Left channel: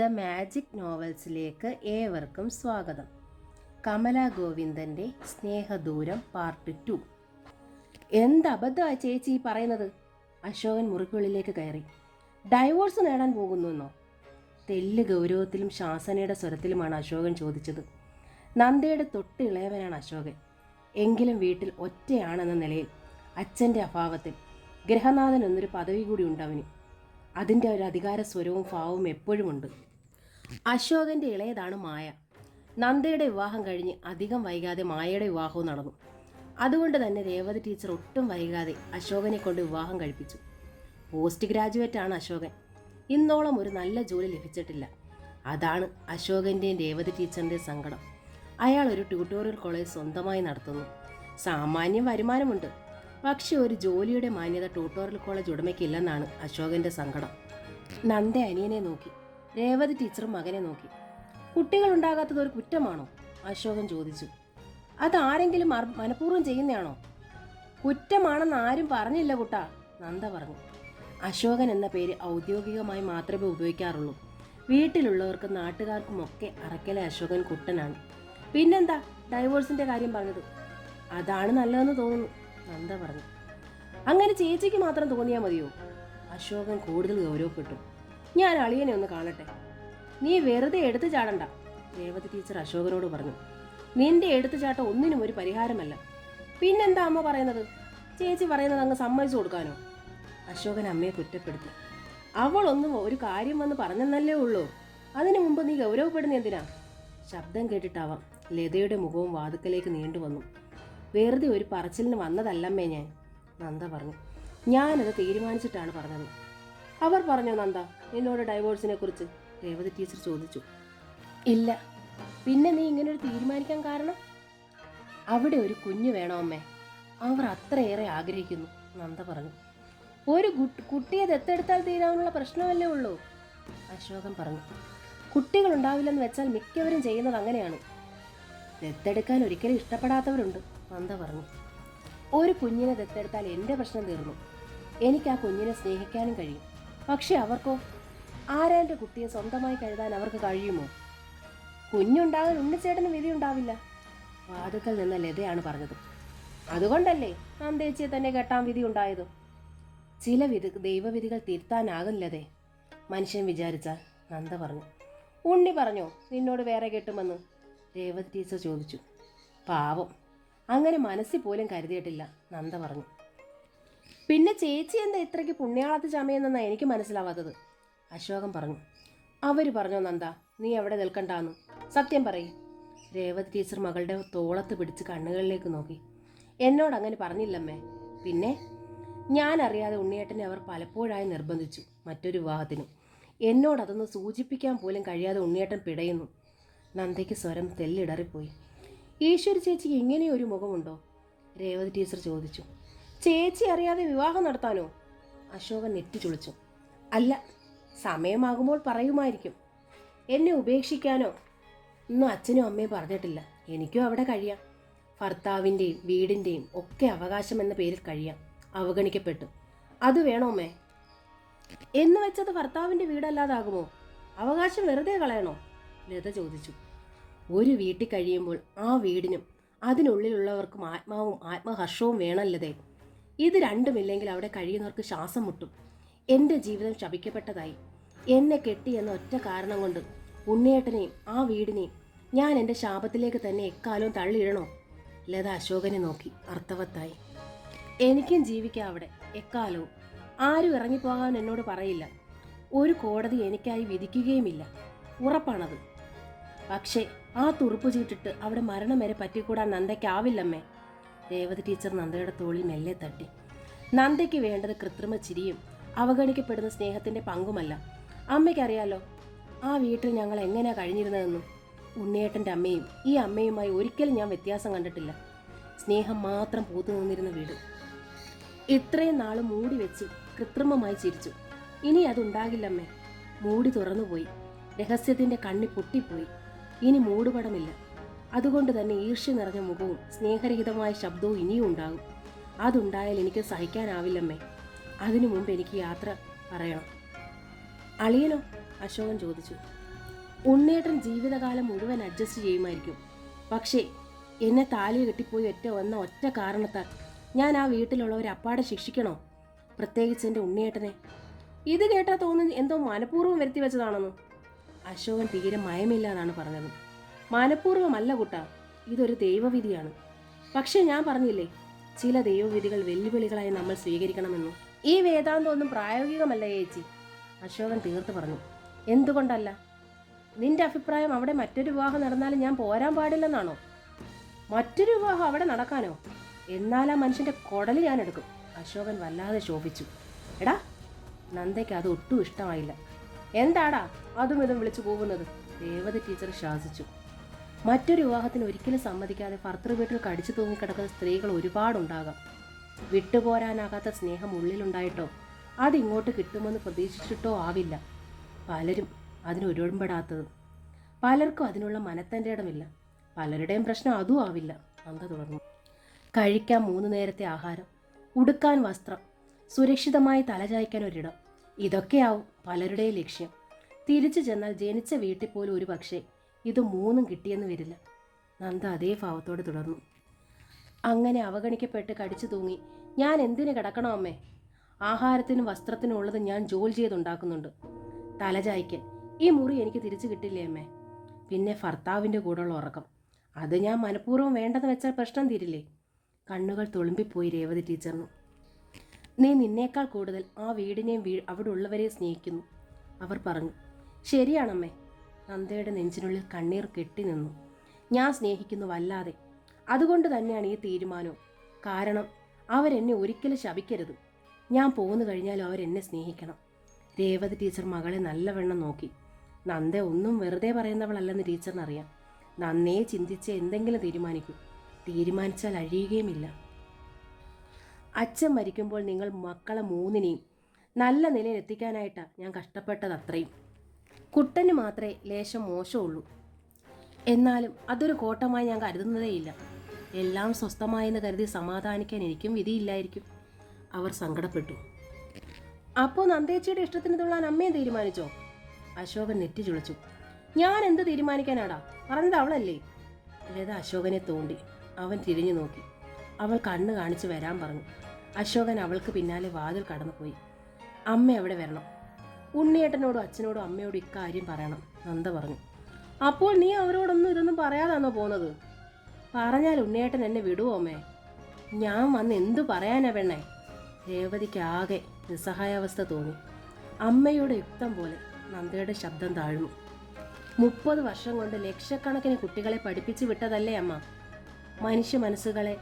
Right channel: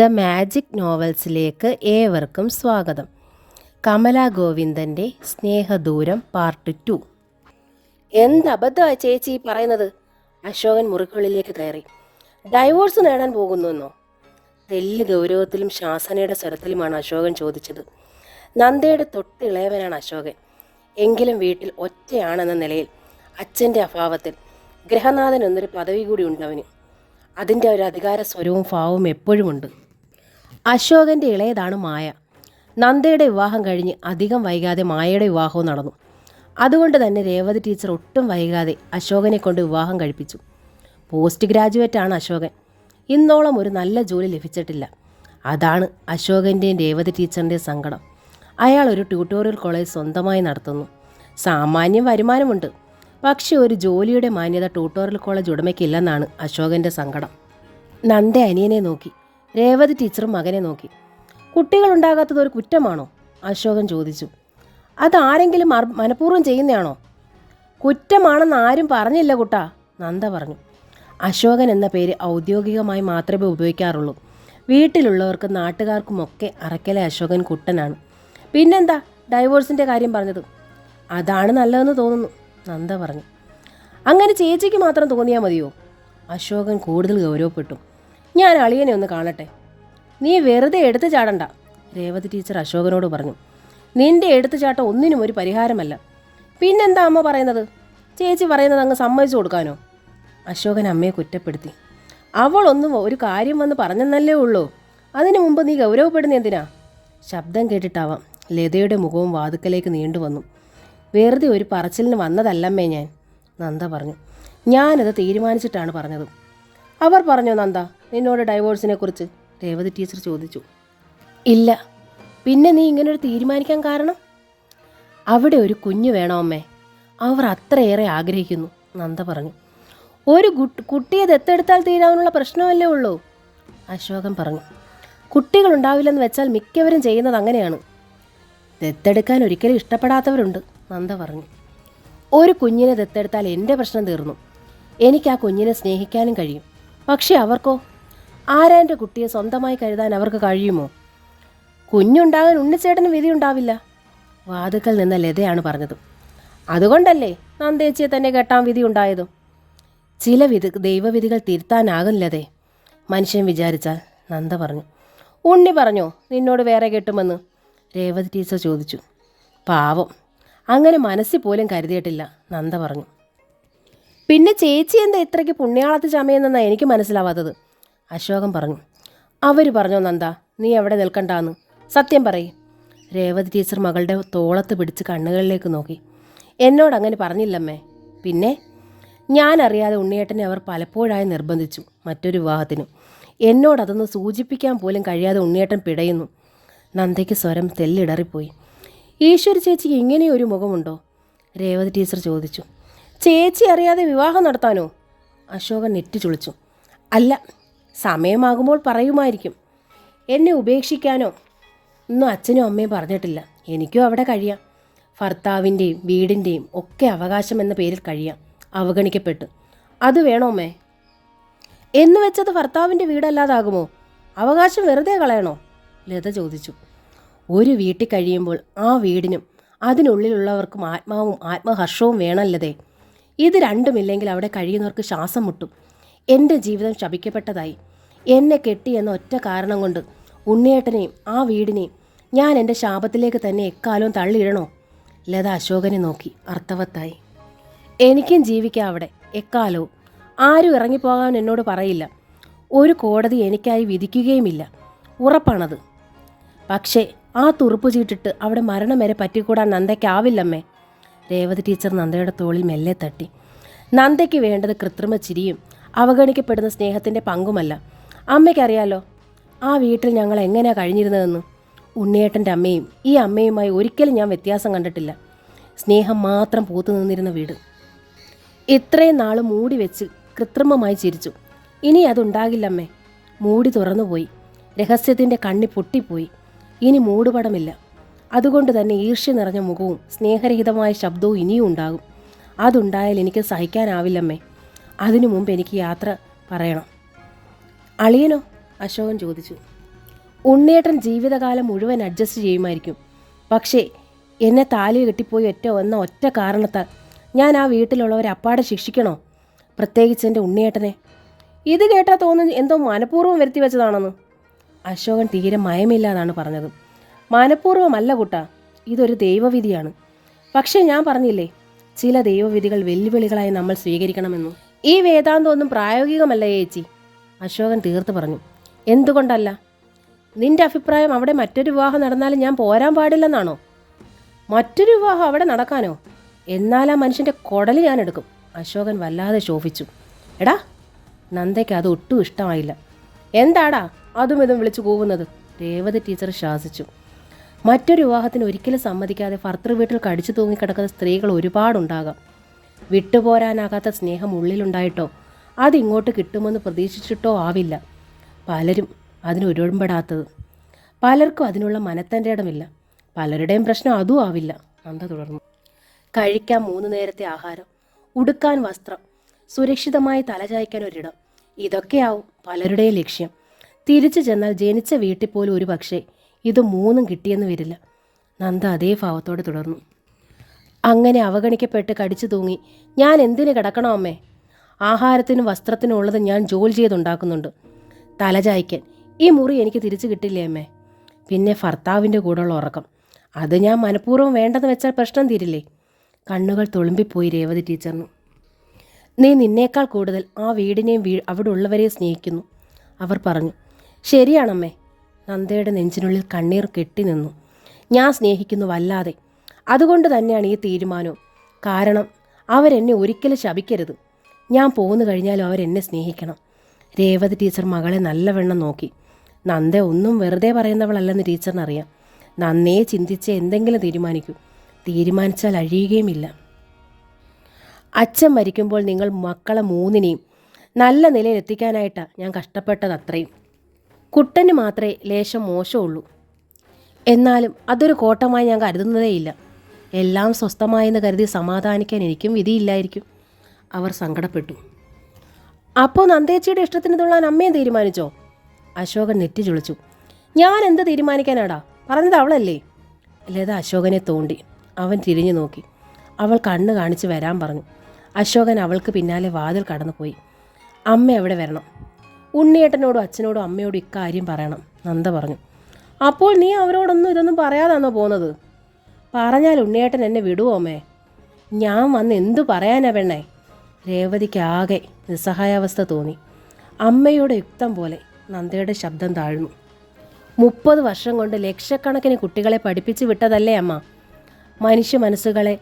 The magic നോവൽസിലേക്ക് ഏവർക്കും സ്വാഗതം. Kamala ഗോവിന്ദൻ്റെ Snehadooram part 2. എന്തബദ്ധമായി ചേച്ചി പറയുന്നത്? അശോകൻ മുറിക്കുള്ളിലേക്ക് കയറി. ഡൈവോഴ്സ് നേടാൻ പോകുന്നുവെന്നോ? തെല്ല് ഗൗരവത്തിലും ശാസനയുടെ സ്വരത്തിലുമാണ് അശോകൻ ചോദിച്ചത്. നന്ദയുടെ തൊട്ടിളയവനാണ് അശോകൻ. എങ്കിലും വീട്ടിൽ ഒറ്റയാണെന്ന നിലയിൽ അച്ഛൻ്റെ അഭാവത്തിൽ ഗൃഹനാഥൻ എന്നൊരു പദവി കൂടി ഉണ്ടവന്. അതിൻ്റെ ഒരു അധികാര സ്വരവും ഭാവവും എപ്പോഴുമുണ്ട്. അശോകൻ്റെ ഇളയതാണ് മായ. നന്ദയുടെ വിവാഹം കഴിഞ്ഞ് അധികം വൈകാതെ മായയുടെ വിവാഹവും നടന്നു. അതുകൊണ്ട് തന്നെ രേവതി ടീച്ചർ ഒട്ടും വൈകാതെ അശോകനെ കൊണ്ട് വിവാഹം കഴിപ്പിച്ചു. പോസ്റ്റ് ഗ്രാജുവേറ്റാണ് അശോകൻ. ഇന്നോളം ഒരു നല്ല ജോലി ലഭിച്ചിട്ടില്ല. അതാണ് അശോകൻ്റെയും രേവതി ടീച്ചറിൻ്റെയും സങ്കടം. അയാൾ ഒരു ട്യൂട്ടോറിയൽ കോളേജ് സ്വന്തമായി നടത്തുന്നു. സാമാന്യം വരുമാനമുണ്ട്. പക്ഷേ ഒരു ജോലിയുടെ മാന്യത ട്യൂട്ടോറിയൽ കോളേജ് ഉടമയ്ക്കില്ലെന്നാണ് അശോകൻ്റെ സങ്കടം. നന്ദ അനിയനെ നോക്കി. രേവതി ടീച്ചറും മകനെ നോക്കി. കുട്ടികളുണ്ടാകാത്തത് ഒരു കുറ്റമാണോ? അശോകൻ ചോദിച്ചു. അതാരെങ്കിലും മനഃപൂർവ്വം ചെയ്യുന്നതാണോ? കുറ്റമാണെന്ന് ആരും പറഞ്ഞില്ല കുട്ടാ, നന്ദ പറഞ്ഞു. അശോകൻ എന്ന പേര് ഔദ്യോഗികമായി മാത്രമേ ഉപയോഗിക്കാറുള്ളൂ. വീട്ടിലുള്ളവർക്കും നാട്ടുകാർക്കുമൊക്കെ അറക്കലെ അശോകൻ കുട്ടനാണ്. പിന്നെന്താ ഡൈവോഴ്സിൻ്റെ കാര്യം പറഞ്ഞത്? അതാണ് നല്ലതെന്ന് തോന്നുന്നു, നന്ദ പറഞ്ഞു. അങ്ങനെ ചേച്ചിക്ക് മാത്രം തോന്നിയാൽ മതിയോ? അശോകൻ കൂടുതൽ ഗൗരവപ്പെട്ടു. ഞാൻ അളിയനെ ഒന്ന് കാണട്ടെ. നീ വെറുതെ എടുത്തു ചാടണ്ട, രേവതി ടീച്ചർ അശോകനോട് പറഞ്ഞു. നിന്റെ എടുത്തുചാട്ടം ഒന്നിനും ഒരു പരിഹാരമല്ല. പിന്നെന്താ അമ്മ പറയുന്നത്? ചേച്ചി പറയുന്നത് അങ്ങ് സമ്മതിച്ചു കൊടുക്കാനോ? അശോകൻ അമ്മയെ കുറ്റപ്പെടുത്തി. അവളൊന്നും ഒരു കാര്യം വന്ന് പറഞ്ഞെന്നല്ലേ ഉള്ളൂ. അതിനു മുമ്പ് നീ ഗൗരവപ്പെടുന്ന എന്തിനാ? ശബ്ദം കേട്ടിട്ടാവാം ലതയുടെ മുഖവും വാതുക്കലേക്ക് നീണ്ടുവന്നു. വെറുതെ ഒരു പറച്ചിലിന് വന്നതല്ലമ്മേ ഞാൻ, നന്ദ പറഞ്ഞു. ഞാനത് തീരുമാനിച്ചിട്ടാണ് പറഞ്ഞത്. അവർ പറഞ്ഞോ നന്ദ നിന്നോട് ഡൈവോഴ്സിനെ കുറിച്ച്? രേവതി ടീച്ചർ ചോദിച്ചു. ഇല്ല. പിന്നെ നീ ഇങ്ങനൊരു തീരുമാനിക്കാൻ കാരണം? അവിടെ ഒരു കുഞ്ഞു വേണോ അമ്മേ? അവർ അത്രയേറെ ആഗ്രഹിക്കുന്നു, നന്ദ പറഞ്ഞു. ഒരു കുട്ടിയെ ദത്തെടുത്താൽ തീരാനുള്ള പ്രശ്നമല്ലേ ഉള്ളൂ, അശോകൻ പറഞ്ഞു. കുട്ടികളുണ്ടാവില്ലെന്ന് വെച്ചാൽ മിക്കവരും ചെയ്യുന്നത് അങ്ങനെയാണ്. ദത്തെടുക്കാൻ ഒരിക്കലും ഇഷ്ടപ്പെടാത്തവരുണ്ട്, നന്ദ പറഞ്ഞു. ഒരു കുഞ്ഞിനെ ദത്തെടുത്താൽ എൻ്റെ പ്രശ്നം തീർന്നു. എനിക്ക് ആ കുഞ്ഞിനെ സ്നേഹിക്കാനും കഴിയും. പക്ഷെ അവർക്കോ? ആരാൻ്റെ കുട്ടിയെ സ്വന്തമായി കരുതാൻ അവർക്ക് കഴിയുമോ? കുഞ്ഞുണ്ടാകാൻ ഉണ്ണിച്ചേട്ടന് വിധിയുണ്ടാവില്ല, വാതുക്കൽ നിന്ന ലതയാണ് പറഞ്ഞത്. അതുകൊണ്ടല്ലേ നന്ദേച്ചിയെ തന്നെ കെട്ടാൻ വിധി ഉണ്ടായതും? ചില ദൈവവിധികൾ തിരുത്താനാകില്ലതേ മനുഷ്യൻ വിചാരിച്ചാൽ, നന്ദ പറഞ്ഞു. ഉണ്ണി പറഞ്ഞോ നിന്നോട് വേറെ കെട്ടുമെന്ന്? രേവതി ടീച്ചർ ചോദിച്ചു. പാവം, അങ്ങനെ മനസ്സിൽ പോലും കരുതിയിട്ടില്ല, നന്ദ പറഞ്ഞു. പിന്നെ ചേച്ചി എന്താ ഇത്രയ്ക്ക് പുണ്യാളത്ത് ചമയെന്നാണ് എനിക്ക് മനസ്സിലാവാത്തത്, അശോകൻ പറഞ്ഞു. അവർ പറഞ്ഞോ നന്ദ നീ എവിടെ നിൽക്കണ്ടാന്ന്? സത്യം പറയും. രേവതി ടീച്ചർ മകളുടെ തോളത്ത് പിടിച്ച് കണ്ണുകളിലേക്ക് നോക്കി. എന്നോട് അങ്ങനെ പറഞ്ഞില്ലമ്മേ. പിന്നെ ഞാനറിയാതെ ഉണ്ണിയേട്ടനെ അവർ പലപ്പോഴായി നിർബന്ധിച്ചു മറ്റൊരു വിവാഹത്തിന്. എന്നോടതൊന്ന് സൂചിപ്പിക്കാൻ പോലും കഴിയാതെ ഉണ്ണിയേട്ടൻ പിടയുന്നു. നന്ദയ്ക്ക് സ്വരം തെല്ലിടറിപ്പോയി. ഈശ്വരി ചേച്ചിക്ക് ഇങ്ങനെയൊരു മുഖമുണ്ടോ? രേവതി ടീച്ചർ ചോദിച്ചു. ചേച്ചി അറിയാതെ വിവാഹം നടത്താനോ? അശോകൻ നെറ്റി ചുളിച്ചു. അല്ല, സമയമാകുമ്പോൾ പറയുമായിരിക്കും. എന്നെ ഉപേക്ഷിക്കാനോ ഒന്നും അച്ഛനും അമ്മയും പറഞ്ഞിട്ടില്ല. എനിക്കും അവിടെ കഴിയാം. ഭർത്താവിൻ്റെയും വീടിൻ്റെയും ഒക്കെ അവകാശം എന്ന പേരിൽ കഴിയാം, അവഗണിക്കപ്പെട്ടു. അത് വേണോ അമ്മേ? എന്ന് വെച്ചത് ഭർത്താവിൻ്റെ വീടല്ലാതാകുമോ? അവകാശം വെറുതെ കളയണോ? ലത ചോദിച്ചു. ഒരു വീട്ടിൽ കഴിയുമ്പോൾ ആ വീടിനും അതിനുള്ളിലുള്ളവർക്കും ആത്മാവും ആത്മഹർഷവും വേണമല്ലതേ. ഇത് രണ്ടുമില്ലെങ്കിൽ അവിടെ കഴിയുന്നവർക്ക് ശ്വാസം മുട്ടും. എൻ്റെ ജീവിതം ശപിക്കപ്പെട്ടതായി. എന്നെ കെട്ടിയെന്ന ഒറ്റ കാരണം കൊണ്ട് ഉണ്ണിയേട്ടനെയും ആ വീടിനെയും ഞാൻ എൻ്റെ ശാപത്തിലേക്ക് തന്നെ എക്കാലവും തള്ളിയിടണോ? ലത അശോകനെ നോക്കി അർത്ഥവത്തായി. എനിക്കും ജീവിക്കാം അവിടെ എക്കാലവും. ആരും ഇറങ്ങിപ്പോകാൻ എന്നോട് പറയില്ല. ഒരു കോടതി എനിക്കായി വിധിക്കുകയുമില്ല, ഉറപ്പാണത്. പക്ഷേ ആ തുറുപ്പ് ചീട്ടിട്ട് അവിടെ മരണം വരെ പറ്റിക്കൂടാൻ നന്ദയ്ക്കാവില്ലമ്മേ. രേവതി ടീച്ചർ നന്ദയുടെ തോളിൽ മെല്ലെ തട്ടി. നന്ദയ്ക്ക് വേണ്ടത് കൃത്രിമ ചിരിയും അവഗണിക്കപ്പെടുന്ന സ്നേഹത്തിൻ്റെ പങ്കുമല്ല. അമ്മയ്ക്കറിയാലോ ആ വീട്ടിൽ ഞങ്ങൾ എങ്ങനെയാണ് കഴിഞ്ഞിരുന്നതെന്ന്. ഉണ്ണിയേട്ടൻ്റെ അമ്മയും ഈ അമ്മയുമായി ഒരിക്കലും ഞാൻ വ്യത്യാസം കണ്ടിട്ടില്ല. സ്നേഹം മാത്രം പൂത്തു നിന്നിരുന്ന വീട്. ഇത്രയും നാൾ മൂടി വെച്ച് കൃത്രിമമായി ചിരിച്ചു. ഇനി അതുണ്ടാകില്ലമ്മേ. മൂടി തുറന്നുപോയി. രഹസ്യത്തിൻ്റെ കണ്ണി പൊട്ടിപ്പോയി. ഇനി മൂടുപടമില്ല. അതുകൊണ്ട് തന്നെ ഈർഷ്യ നിറഞ്ഞ മുഖവും സ്നേഹരഹിതമായ ശബ്ദവും ഇനിയും ഉണ്ടാകും. അതുണ്ടായാൽ എനിക്ക് സഹിക്കാനാവില്ലമ്മേ. അതിനു മുമ്പ് എനിക്ക് യാത്ര പറയണം. അളിയനോ? അശോകൻ ചോദിച്ചു. ഉണ്ണിയേട്ടൻ ജീവിതകാലം മുഴുവൻ അഡ്ജസ്റ്റ് ചെയ്യുമായിരിക്കും. പക്ഷേ എന്നെ താലി കെട്ടിപ്പോയി ഒറ്റ കാരണത്താൽ ഞാൻ ആ വീട്ടിലുള്ളവരെ അപ്പാടെ ശിക്ഷിക്കണോ? പ്രത്യേകിച്ച് എൻ്റെ ഉണ്ണിയേട്ടനെ. ഇത് കേട്ടാൽ തോന്നുന്നു എന്തോ മനഃപൂർവ്വം വരുത്തി വെച്ചതാണെന്ന്. അശോകൻ തീരെ മയമില്ലാതാണ് പറഞ്ഞത്. മനഃപൂർവ്വമല്ല കുട്ടാ, ഇതൊരു ദൈവവിധിയാണ്. പക്ഷേ ഞാൻ പറഞ്ഞില്ലേ, ചില ദൈവവിധികൾ വെല്ലുവിളികളായി നമ്മൾ സ്വീകരിക്കണമെന്നു. ഈ വേദാന്തമൊന്നും പ്രായോഗികമല്ല ചേച്ചി, അശോകൻ തീർത്ത് പറഞ്ഞു. എന്തുകൊണ്ടല്ല? നിന്റെ അഭിപ്രായം അവിടെ മറ്റൊരു വിവാഹം നടന്നാലും ഞാൻ പോരാൻ പാടില്ലെന്നാണോ? മറ്റൊരു വിവാഹം അവിടെ നടക്കാനോ? എന്നാൽ ആ മനുഷ്യൻ്റെ കുടല് ഞാൻ എടുക്കും. അശോകൻ വല്ലാതെ ശോഭിച്ചു. എടാ, നന്ദയ്ക്ക് അത് ഒട്ടും ഇഷ്ടമായില്ല. എന്താടാ അതും ഇതും വിളിച്ചു കൂവുന്നത്? രേവതി ടീച്ചർ ശാസിച്ചു. മറ്റൊരു വിവാഹത്തിന് ഒരിക്കലും സമ്മതിക്കാതെ ഭർത്തൃ വീട്ടിൽ കടിച്ചു തൂങ്ങിക്കിടക്കുന്ന സ്ത്രീകൾ ഒരുപാടുണ്ടാകാം. വിട്ടുപോരാനാകാത്ത സ്നേഹം ഉള്ളിലുണ്ടായിട്ടോ അതിങ്ങോട്ട് കിട്ടുമെന്ന് പ്രതീക്ഷിച്ചിട്ടോ ആവില്ല പലരും അതിനൊരുമ്പെടാത്തത്. പലർക്കും അതിനുള്ള മനത്തൻ്റെ ഇടമില്ല. പലരുടെയും പ്രശ്നം അതും ആവില്ല. നന്ദ തുടർന്നു. കഴിക്കാൻ 3 നേരത്തെ ആഹാരം, ഉടുക്കാൻ വസ്ത്രം, സുരക്ഷിതമായി തലചായ്ക്കാൻ ഒരിടം, ഇതൊക്കെയാവും പലരുടെയും ലക്ഷ്യം. തിരിച്ചു ചെന്നാൽ ജനിച്ച വീട്ടിൽ പോലും ഒരു പക്ഷേ ഇത് 3ഉം കിട്ടിയെന്ന് വരില്ല. നന്ദ അതേ ഭാവത്തോടെ തുടർന്നു. അങ്ങനെ അവഗണിക്കപ്പെട്ട് കടിച്ചു തൂങ്ങി ഞാൻ എന്തിന് കിടക്കണോ അമ്മേ? ആഹാരത്തിനും വസ്ത്രത്തിനും ഉള്ളത് ഞാൻ ജോലി ചെയ്തുണ്ടാക്കുന്നുണ്ട്. തലചായ്ക്കാൻ ഈ മുറി എനിക്ക് തിരിച്ചു കിട്ടില്ലേ അമ്മേ? പിന്നെ ഭർത്താവിൻ്റെ കൂടെയുള്ള ഉറക്കം, അത് ഞാൻ മനഃപൂർവ്വം വേണ്ടെന്ന് വെച്ചാൽ പ്രശ്നം തീരില്ലേ? കണ്ണുകൾ തുളുമ്പിപ്പോയി രേവതി ടീച്ചറിന്. നീ നിന്നേക്കാൾ കൂടുതൽ ആ വീടിനെയും അവിടെ ഉള്ളവരെയും സ്നേഹിക്കുന്നു, അവർ പറഞ്ഞു. ശരിയാണമ്മേ. നന്ദയുടെ നെഞ്ചിനുള്ളിൽ കണ്ണീർ കെട്ടി നിന്നു. ഞാൻ സ്നേഹിക്കുന്നു വല്ലാതെ. അതുകൊണ്ട് തന്നെയാണ് ഈ തീരുമാനവും. കാരണം അവരെന്നെ ഒരിക്കലും ശപിക്കരുത്. ഞാൻ പോന്നു കഴിഞ്ഞാലും അവരെന്നെ സ്നേഹിക്കണം. രേവതി ടീച്ചർ മകളെ നല്ലവണ്ണം നോക്കി. നന്ദ ഒന്നും വെറുതെ പറയുന്നവളല്ലെന്ന് ടീച്ചറിനറിയാം. നന്നേ ചിന്തിച്ച് എന്തെങ്കിലും തീരുമാനിച്ചാൽ അഴിയുകയുമില്ല. അച്ഛൻ മരിക്കുമ്പോൾ നിങ്ങൾ മക്കളെ 3നെയും നല്ല നിലയിൽ എത്തിക്കാനായിട്ടാണ് ഞാൻ കഷ്ടപ്പെട്ടത്. അത്രയും. കുട്ടന് മാത്രമേ ലേശം മോശമുള്ളൂ. എന്നാലും അതൊരു കോട്ടമായി ഞാൻ കരുതുന്നതേയില്ല. എല്ലാം സ്വസ്ഥമായെന്ന് കരുതി സമാധാനിക്കാൻ എനിക്കും വിധിയില്ലായിരിക്കും. അവർ സങ്കടപ്പെട്ടു. അപ്പോൾ നന്ദേച്ചിയുടെ ഇഷ്ടത്തിന് തുള്ളാൻ അമ്മയും തീരുമാനിച്ചോ? അശോകൻ നെറ്റി ചുളിച്ചു. ഞാൻ എന്ത് തീരുമാനിക്കാനാടാ? പറഞ്ഞത് അവളല്ലേ? ലത അശോകനെ തോണ്ടി. അവൻ തിരിഞ്ഞു നോക്കി. അവൾ കണ്ണ് കാണിച്ച് വരാൻ പറഞ്ഞു. അശോകൻ അവൾക്ക് പിന്നാലെ വാതിൽ കടന്നുപോയി. അമ്മ അവിടെ വരണം. ഉണ്ണിയേട്ടനോടും അച്ഛനോടും അമ്മയോടും ഇക്കാര്യം പറയണം, നന്ദ പറഞ്ഞു. അപ്പോൾ നീ അവരോടൊന്നും ഇതൊന്നും പറയാതാണോ പോകുന്നത്? പറഞ്ഞാൽ ഉണ്ണിയേട്ടൻ എന്നെ വിടുവോ അമ്മേ? ഞാൻ വന്ന് എന്തു പറയാനാ പെണ്ണേ? രേവതിക്ക് ആകെ നിസ്സഹായാവസ്ഥ തോന്നി. അമ്മയുടെ യുക്തം പോലെ നന്ദയുടെ ശബ്ദം താഴ്ന്നു. 30 വർഷം കൊണ്ട് ലക്ഷക്കണക്കിന് കുട്ടികളെ പഠിപ്പിച്ച് വിട്ടതല്ലേ അമ്മ? മനുഷ്യ മനസ്സുകളെ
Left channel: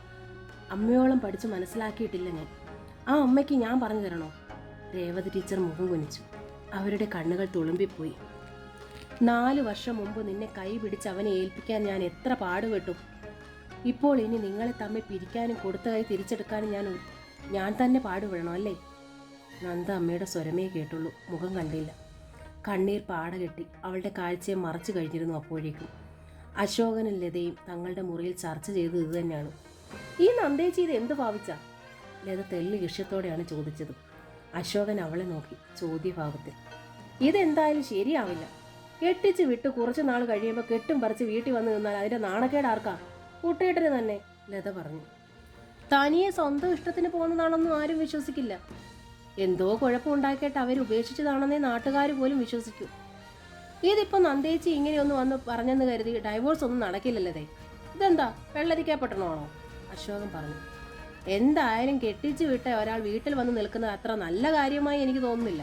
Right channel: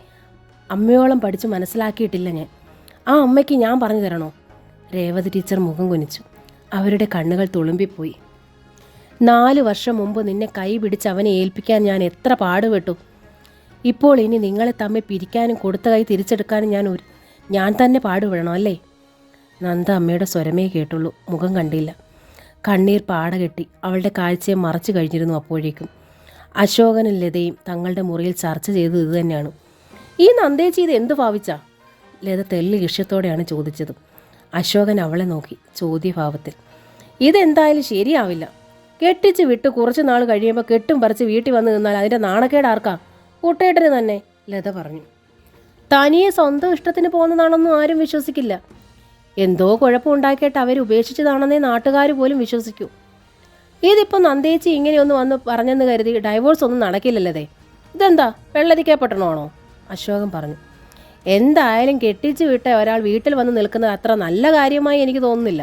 അമ്മയോളം പഠിച്ച് മനസ്സിലാക്കിയിട്ടില്ല ഞാൻ. ആ അമ്മയ്ക്ക് ഞാൻ പറഞ്ഞു തരണോ? രേവതി ടീച്ചർ മുഖം കുനിച്ചു. അവരുടെ കണ്ണുകൾ തുളുമ്പിപ്പോയി. 4 വർഷം മുമ്പ് നിന്നെ കൈ പിടിച്ച് അവനെ ഏൽപ്പിക്കാൻ ഞാൻ എത്ര പാടുപെട്ടു. ഇപ്പോൾ ഇനി നിങ്ങളെ തമ്മിൽ പിരിക്കാനും കൊടുത്ത കൈ തിരിച്ചെടുക്കാനും ഞാൻ തന്നെ പാടുപെടണം അല്ലേ? നന്ദ അമ്മയുടെ സ്വരമേ കേട്ടുള്ളൂ, മുഖം കണ്ടില്ല. കണ്ണീർ പാടകെട്ടി അവളുടെ കാഴ്ചയെ മറച്ചു കഴിഞ്ഞിരുന്നു. അപ്പോഴേക്കും അശോകനും ലതയും തങ്ങളുടെ മുറിയിൽ ചർച്ച ചെയ്തത് ഇത് തന്നെയാണ്. ഈ നന്ദേച്ചി ഇത് എന്തു ഭാവിച്ചാ? ലത തെല്ല് ലക്ഷ്യത്തോടെയാണ് ചോദിച്ചത്. അശോകൻ അവളെ നോക്കി ചോദ്യഭാവത്തിൽ. ഇതെന്തായാലും ശരിയാവില്ല. കെട്ടിച്ച് വിട്ട് കുറച്ച് നാൾ കഴിയുമ്പോൾ കെട്ടും പറിച്ച് വീട്ടിൽ വന്ന് നിന്നാൽ അതിൻ്റെ നാണക്കേട് ആർക്കാ? കൂട്ടേട്ടന് തന്നെ, ലത പറഞ്ഞു. തനിയെ സ്വന്തം ഇഷ്ടത്തിന് പോകുന്നതാണെന്നും ആരും വിശ്വസിക്കില്ല. എന്തോ കുഴപ്പമുണ്ടാക്കിയിട്ട് അവർ ഉപേക്ഷിച്ചതാണെന്നേ നാട്ടുകാർ പോലും വിശ്വസിക്കൂ. ഇതിപ്പോൾ നന്ദേച്ചി ഇങ്ങനെയൊന്ന് വന്ന് പറഞ്ഞെന്ന് കരുതി ഡൈവോഴ്സ് ഒന്നും നടക്കില്ലല്ലേ? ഇതെന്താ വെള്ളരിക്കപ്പെട്ടണമാണോ? അശോകൻ പറഞ്ഞു. എന്തായാലും കെട്ടിച്ച് വിട്ട ഒരാൾ വീട്ടിൽ വന്ന് നിൽക്കുന്നത് അത്ര നല്ല കാര്യമായി എനിക്ക് തോന്നുന്നില്ല.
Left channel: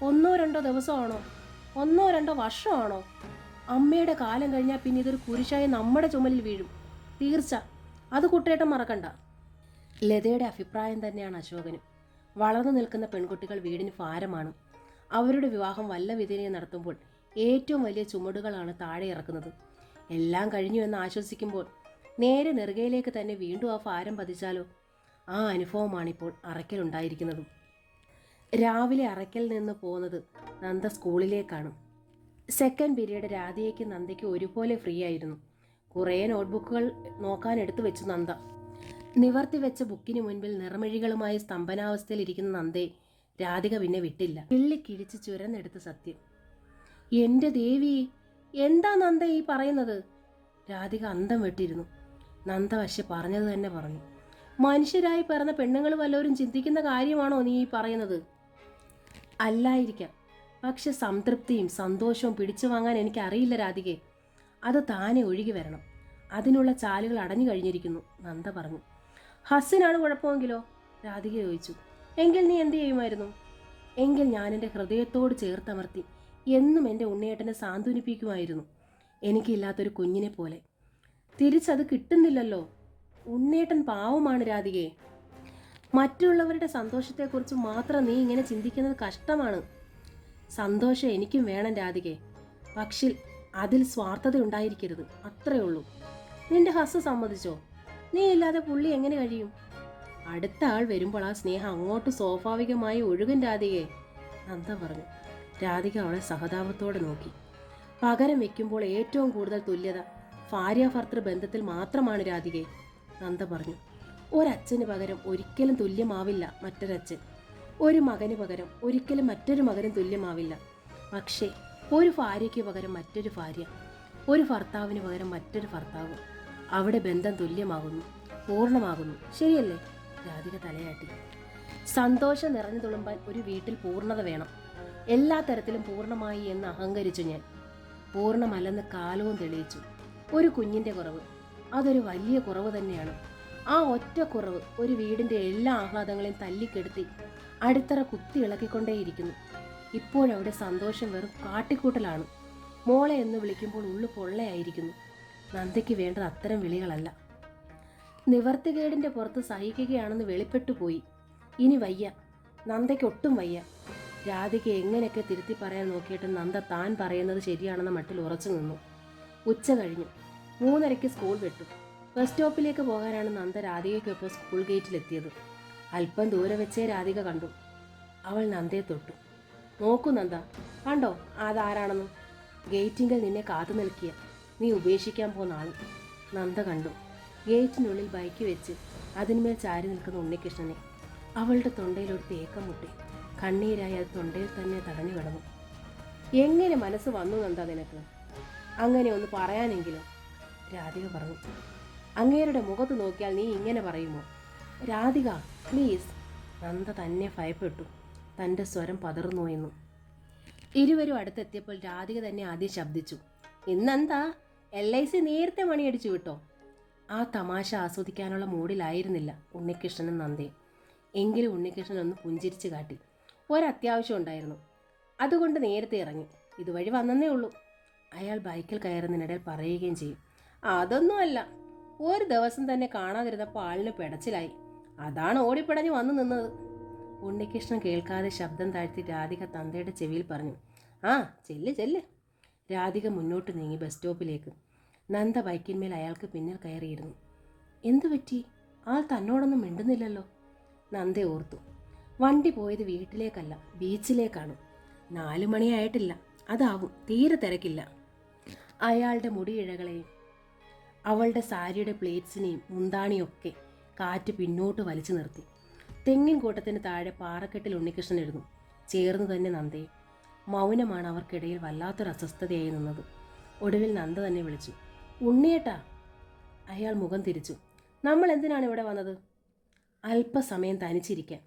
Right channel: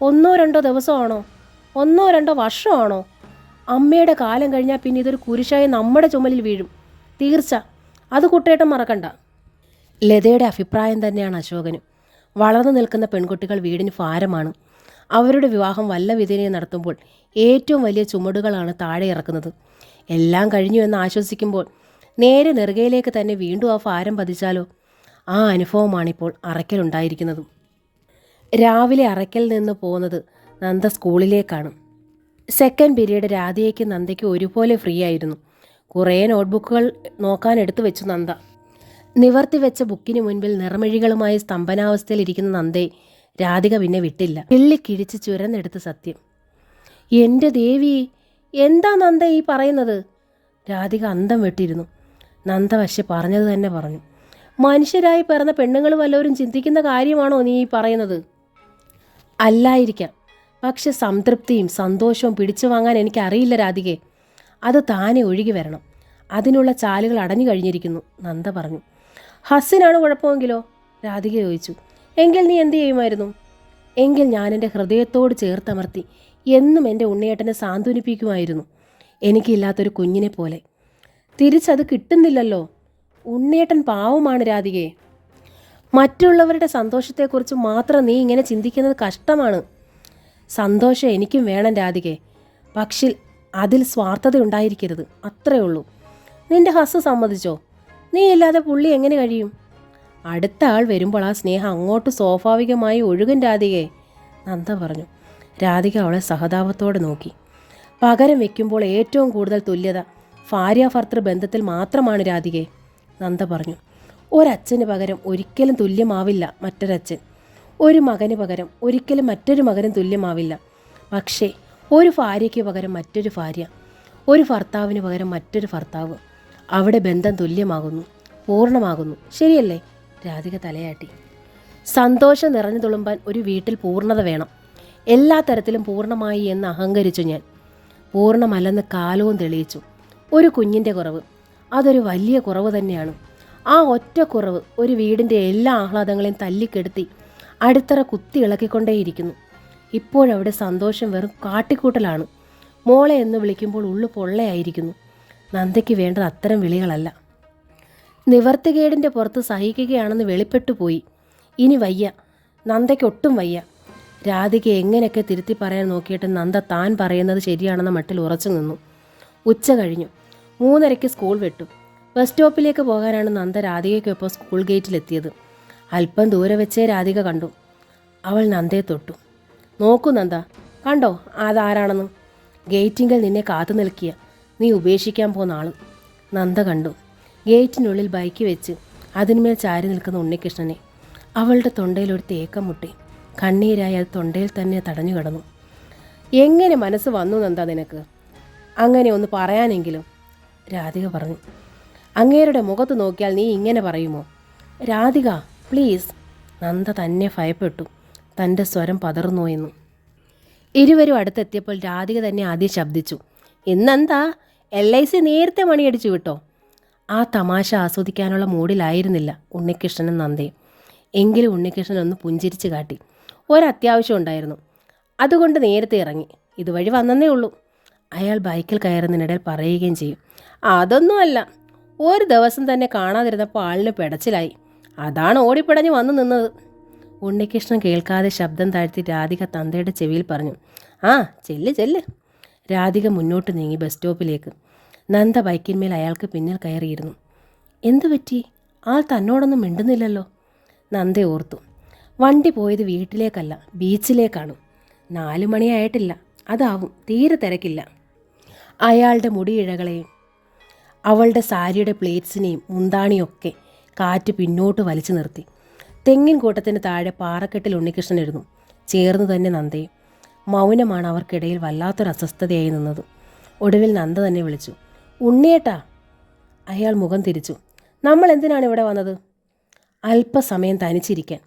1-2 ദിവസമാണോ? 1-2 വർഷമാണോ? അമ്മയുടെ കാലം കഴിഞ്ഞാൽ പിന്നെ ഇതൊരു കുരിശായി നമ്മുടെ ചുമലിൽ വീഴും, തീർച്ച. അത് കുട്ടേട്ടൻ മറക്കണ്ട. ലതയുടെ അഭിപ്രായം തന്നെയാണ് അശോകനും. വളർന്നു നിൽക്കുന്ന പെൺകുട്ടികൾ വീടിന് ഭാരമാണ്. അവരുടെ വിവാഹം വല്ല വിധേനയും നടത്തുമ്പോൾ ഏറ്റവും വലിയ ചുമടുകളാണ് താഴെ ഇറക്കുന്നത്. എല്ലാം കഴിഞ്ഞു എന്ന് ആശ്വസിക്കുമ്പോൾ നേരെ നെറുകയിലേക്ക് തന്നെ വീണ്ടും ആ ഭാരം പതിച്ചാലോ? ആ അനുഭവമാണിപ്പോൾ അറയ്ക്കലുണ്ടായിരിക്കുന്നതും. രാവിലെ അറയ്ക്കൽ നിന്ന് പോകുന്നത് നന്ദ സ്കൂളിലേക്കാണ്. സെക്കൻഡ് പീരീഡ് രാധയ്ക്കും നന്ദയ്ക്കും ഒരുപോലെ ഫ്രീ ആയിരുന്നു. കുറേ നോട്ട്ബുക്കുകൾ നോക്കാൻ എടുത്തു വെച്ചു നന്ദ. നിവർത്തി വെച്ച ബുക്കിന് മുൻപിൽ നിറമിഴികളുമായി സ്തംഭനാവസ്ഥയിലിരിക്കുന്ന നന്ദയെ രാധിക പിന്നെ വിട്ടില്ല. കിള്ളിക്കിഴിച്ച് ചുരന്നെടുത്ത് സത്യം. എൻ്റെ ദേവി, എന്താ നന്ദ ഈ പറയുന്നത്? രാധിക അന്തം വിട്ടിരുന്നു. നന്ദ പക്ഷെ പറഞ്ഞത് തന്നെ പറഞ്ഞു. മനുഷ്യരായി പിറന്ന പെണ്ണുങ്ങൾ വല്ലവരും ചിന്തിക്കുന്ന കാര്യമാണോ നീ ഈ പറയുന്നത്? അല്ലായിരിക്കാം, പക്ഷെ സംതൃപ്തിയും സന്തോഷവും പിടിച്ചു വാങ്ങാൻ എനിക്കറിയില്ല രാധികെ. അത് താനെ ഒഴുകി വരണം. അതിനുള്ള ചാലുകൾ അടഞ്ഞു കഴിഞ്ഞിരിക്കുന്നു, നന്ദ പറഞ്ഞു. ഹസ്സിനാണ് കുഴപ്പമെങ്കിലോ? രാധിക ചോദിച്ചു. എങ്കിൽ നീ എന്തു ചെയ്യുമായിരുന്നു? എങ്കിൽ ഞാൻ എൻ്റെ ഹൃദയത്തോട് ചേർത്തമർത്തി എന്നും എൻ്റെ ഉണ്ണിയേട്ടനെ സാന്ത്വനിപ്പിക്കുമായിരുന്നു, എനിക്കില്ലാത്തൊരു കുഞ്ഞിനെ പോലെ. തിരിച്ചത് കിട്ടുന്നില്ലല്ലോ. ഉണ്ണിയേട്ടൻ പാവമാണ് രാധികയെ. മറ്റുള്ളവരുടെ സന്തോഷത്തെക്കുറിച്ച് മാത്രം നീ ഇങ്ങനെ ചിന്തിക്കുന്നത് കഷ്ടമാണ്. സന്തോഷം എനിക്കും വേണം രാധികെ, പക്ഷേ അതിൽ സ്വാർത്ഥത ഉണ്ടായിരിക്കരുത്, അത്രേ ഉള്ളൂ. നിന്റെ ഹസ് സമ്മതിച്ചോ? നീ ഇല്ലാതെ പുള്ളി എങ്ങനെ കഴിയും? അടുത്ത ആൾ വരുമ്പോൾ ആ സ്നേഹം അങ്ങോട്ട് സ്വാഭാവികമായി ഒഴുകും രാധികയെ, നന്ദ പറഞ്ഞു. രാധിക അവളെ സഹതാപത്തോടെ നോക്കി. പകരം വയ്ക്കുമ്പോൾ ഏറ്റവും കൂടുതൽ തുല്യത ഭാര്യാഭർത്തൃ ബന്ധത്തിൽ മാത്രമാണ് രാധികയെ, നന്ദ പറഞ്ഞു. ഒരച്ഛന് പകരം ഒരിക്കലും തുല്യമാവില്ല മറ്റൊരച്ഛൻ. ഒരു മകന് പകരം ഒരിക്കലും മറ്റൊരു മകനും തുല്യമാവില്ല. പക്ഷേ ഒരു ഭാര്യയ്ക്ക് പകരം മറ്റൊരു ഭാര്യ, ഒരു ഭർത്താവിന് പകരം മറ്റൊരു ഭർത്താവ്. അവിടെ ബന്ധം തുല്യമാകുന്നു, പൂർണ്ണമാകുന്നു. ശരിയല്ലേ? രാധിക തലയാട്ടി. സന്തോഷം നിറഞ്ഞു തുളുമ്പാൻ ഒരു വീട്ടിൽ പൂർണ്ണത വേണം. എല്ലാ തരത്തിലും പൂർണ്ണമായി എന്ന് അഹങ്കരിച്ചു ഞാൻ. പൂർണ്ണമല്ലെന്ന് കാലവും തെളിയിച്ചു. ഒരു കുഞ്ഞിൻ്റെ കുറവ്, അതൊരു വലിയ കുറവ് തന്നെയാണ്. ആ ഒറ്റ കുറവ് ഒരു വീടിൻ്റെ എല്ലാ ആഹ്ലാദങ്ങളെയും തല്ലിക്കെടുത്തി അടിത്തറ കുത്തി ഇളക്കിക്കൊണ്ടേയിരിക്കുന്നു. ഇപ്പോഴവിടെ സന്തോഷം വെറും കാട്ടിക്കൂട്ടലാണ്. മോളെ എന്ന് വിളിക്കുമ്പോൾ ഉള്ളു പൊള്ളയായിരിക്കുന്നു. നന്ദയ്ക്ക് വേണ്ടത് അത്തരം വിളികളല്ല. നിവർത്തികേടിൻ്റെ പുറത്ത് സഹിക്കുകയാണെന്ന് വെളിപ്പെട്ടു പോയി. ഇനി വയ്യ, നന്ദയ്ക്കൊട്ടും വയ്യ. രാധിക എങ്ങനെയൊക്കെ തിരുത്തി പറയാൻ നോക്കിയിട്ട് നന്ദ താൻ പറയുന്നത് ശരിയാണെന്ന മട്ടിൽ ഉറച്ചു നിന്നു. ഉച്ച കഴിഞ്ഞു. 3:30 സ്കൂൾ വിട്ടു. ബസ് സ്റ്റോപ്പിലേക്ക് പോകാനാണ് നന്ദ രാധികയ്ക്കൊപ്പം സ്കൂൾ ഗേറ്റിലെത്തിയത്. അല്പം ദൂരെ വെച്ചേ രാധിക കണ്ടു. അവൾ നന്ദയെ തൊട്ടു. നോക്കൂ നന്ദ, കണ്ടോ അതാരാണെന്ന്? ഗേറ്റിങ്കൽ നിന്നെ കാത്തു നിൽക്കിയ നീ ഉപേക്ഷിക്കാൻ പോന്ന ആൾ. നന്ദ കണ്ടു. ഗേറ്റിനുള്ളിൽ ബൈക്ക് വെച്ച് അതിന്മേൽ ചാരി നിൽക്കുന്ന ഉണ്ണികൃഷ്ണനെ. അവളുടെ തൊണ്ടയിൽ ഒരു തേക്കം മുട്ടി. കണ്ണീരായി അത് തൊണ്ടയിൽ തന്നെ തടഞ്ഞു കിടന്നു. എങ്ങനെ മനസ്സ് വന്നു നന്ദ നിനക്ക്? അങ്ങനെ ഒന്ന് പറയാനെങ്കിലും, രാധിക പറഞ്ഞു. അങ്ങേരുടെ മുഖത്ത് നോക്കിയാൽ നീ ഇങ്ങനെ പറയുമോ? രാധിക പ്ലീസ്. നന്ദ തന്നെ ഭയപ്പെട്ടു. തൻ്റെ സ്വരം പതർന്നു എന്ന്. ഇരുവരും അടുത്തെത്തിയപ്പോൾ രാധിക തന്നെ ആദ്യം ശബ്ദിച്ചു. ഇന്നെന്താ LIC നേരത്തെ മണിയടിച്ചു വിട്ടോ? ആ തമാശ ആസ്വദിക്കാനുള്ള മൂഡിലായിരുന്നില്ല ഉണ്ണികൃഷ്ണനും നന്ദയും. എങ്കിലും ഉണ്ണികൃഷ്ണൻ ഒന്ന് പുഞ്ചിരിച്ച് കാട്ടി. ഒരത്യാവശ്യം ഉണ്ടായിരുന്നു, അതുകൊണ്ട് നേരത്തെ ഇറങ്ങി. ഇതുവഴി വന്നേ ഉള്ളൂ. അയാൾ ബൈക്കിൽ കയറുന്നതിനിടയിൽ പറയുകയും ചെയ്യും. അതൊന്നുമല്ല, ഒരു ദിവസം തന്നെ കാണാതിരുന്നപ്പോൾ ആളിന് പെടച്ചിലായി. അതാണ് ഓടിപ്പിടഞ്ഞ് വന്നു നിന്നത്. ഉണ്ണികൃഷ്ണൻ കേൾക്കാതെ ശബ്ദം താഴ്ത്തി രാധിക തന്തയുടെ ചെവിയിൽ പറഞ്ഞു. ആ ചെല്ല് ചെല്ല്. രാധിക മുന്നോട്ട് നീങ്ങി ബസ് സ്റ്റോപ്പിലേക്ക്. നന്ദ ബൈക്കിന്മേൽ അയാൾക്ക് പിന്നിൽ കയറിയിരുന്നു. എന്തു പറ്റി? ആൾ തന്നോടൊന്നും മിണ്ടുന്നില്ലല്ലോ. നന്ദ ഓർത്തു. വണ്ടി പോയത് വീട്ടിലേക്കല്ല, ബീച്ചിലേക്കാണ്. 4 മണിയായിട്ടില്ല. അതാവും, തീരെ തിരക്കില്ല. അയാളുടെ മുടിയിഴകളെയും അവളുടെ സാരിയുടെ പ്ലേറ്റ്സിനെയും മുന്താണിയൊക്കെ കാറ്റ് പിന്നോട്ട് വലിച്ചു നിർത്തി. തെങ്ങിൻ കൂട്ടത്തിന് താഴെ പാറക്കെട്ടിൽ ഉണ്ണികൃഷ്ണനിരുന്നു. ചേർന്നു തന്നെ നന്ദയും. മൗനമാണ് അവർക്കിടയിൽ വല്ലാത്തൊരു അസ്വസ്ഥതയായി നിന്നത്. ഒടുവിൽ നന്ദ തന്നെ വിളിച്ചു. ഉണ്ണിയേട്ടാ. അയാൾ മുഖം തിരിച്ചു. നമ്മൾ എന്തിനാണ് ഇവിടെ വന്നത്? അല്പസമയം തനിച്ചിരിക്കാൻ,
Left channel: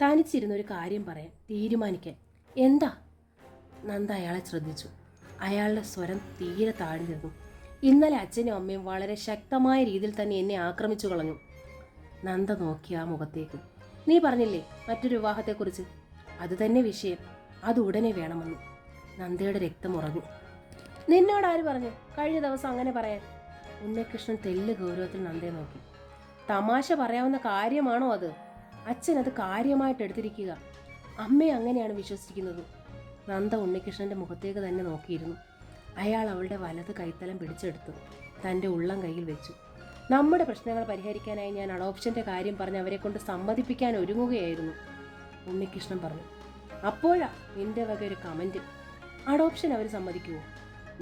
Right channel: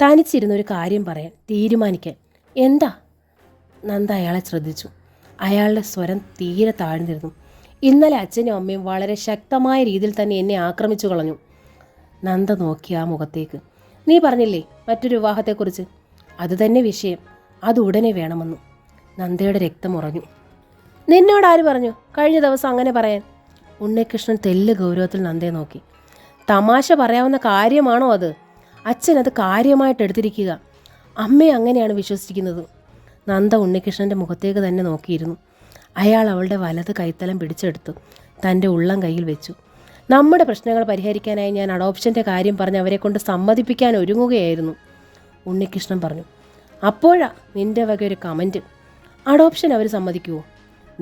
തനിച്ചിരുന്നൊരു കാര്യം പറയാൻ, തീരുമാനിക്കാൻ. എന്താ? നന്ദ അയാളെ ശ്രദ്ധിച്ചു. അയാളുടെ സ്വരം തീരെ താഴ്ന്നിരുന്നു. ഇന്നലെ അച്ഛനും അമ്മയും വളരെ ശക്തമായ രീതിയിൽ തന്നെ എന്നെ ആക്രമിച്ചു കളഞ്ഞു. നന്ദ നോക്കി ആ മുഖത്തേക്ക്. നീ പറഞ്ഞില്ലേ മറ്റൊരു വിവാഹത്തെക്കുറിച്ച്? അതുതന്നെ വിഷയം. അത് ഉടനെ വേണമെന്ന്. നന്ദയുടെ രക്തം ഉറഞ്ഞു. നിന്നോട് ആര് പറഞ്ഞു കഴിഞ്ഞ ദിവസം അങ്ങനെ പറയാൻ? ഉണ്ണികൃഷ്ണൻ തെല്ല് ഗൗരവത്തിൽ നന്ദയെ നോക്കി. തമാശ പറയാവുന്ന കാര്യമാണോ അത്? അച്ഛൻ അത് കാര്യമായിട്ട് എടുത്തിരിക്കുക. അമ്മയെ അങ്ങനെയാണ് വിശ്വസിക്കുന്നത്. നന്ദ ഉണ്ണികൃഷ്ണൻ്റെ മുഖത്തേക്ക് തന്നെ നോക്കിയിരുന്നു. അയാൾ അവളുടെ വലത് കൈത്തലം പിടിച്ചെടുത്തു തൻ്റെ ഉള്ളം കയ്യിൽ വെച്ചു. നമ്മുടെ പ്രശ്നങ്ങൾ പരിഹരിക്കാനായി ഞാൻ അഡോപ്ഷൻ്റെ കാര്യം പറഞ്ഞ് അവരെ കൊണ്ട് സമ്മതിപ്പിക്കാൻ ഒരുങ്ങുകയായിരുന്നു, ഉണ്ണികൃഷ്ണൻ പറഞ്ഞു. അപ്പോഴാ നിൻ്റെ വക ഒരു കമൻറ്റ്. അഡോപ്ഷൻ അവർ സമ്മതിക്കുമോ?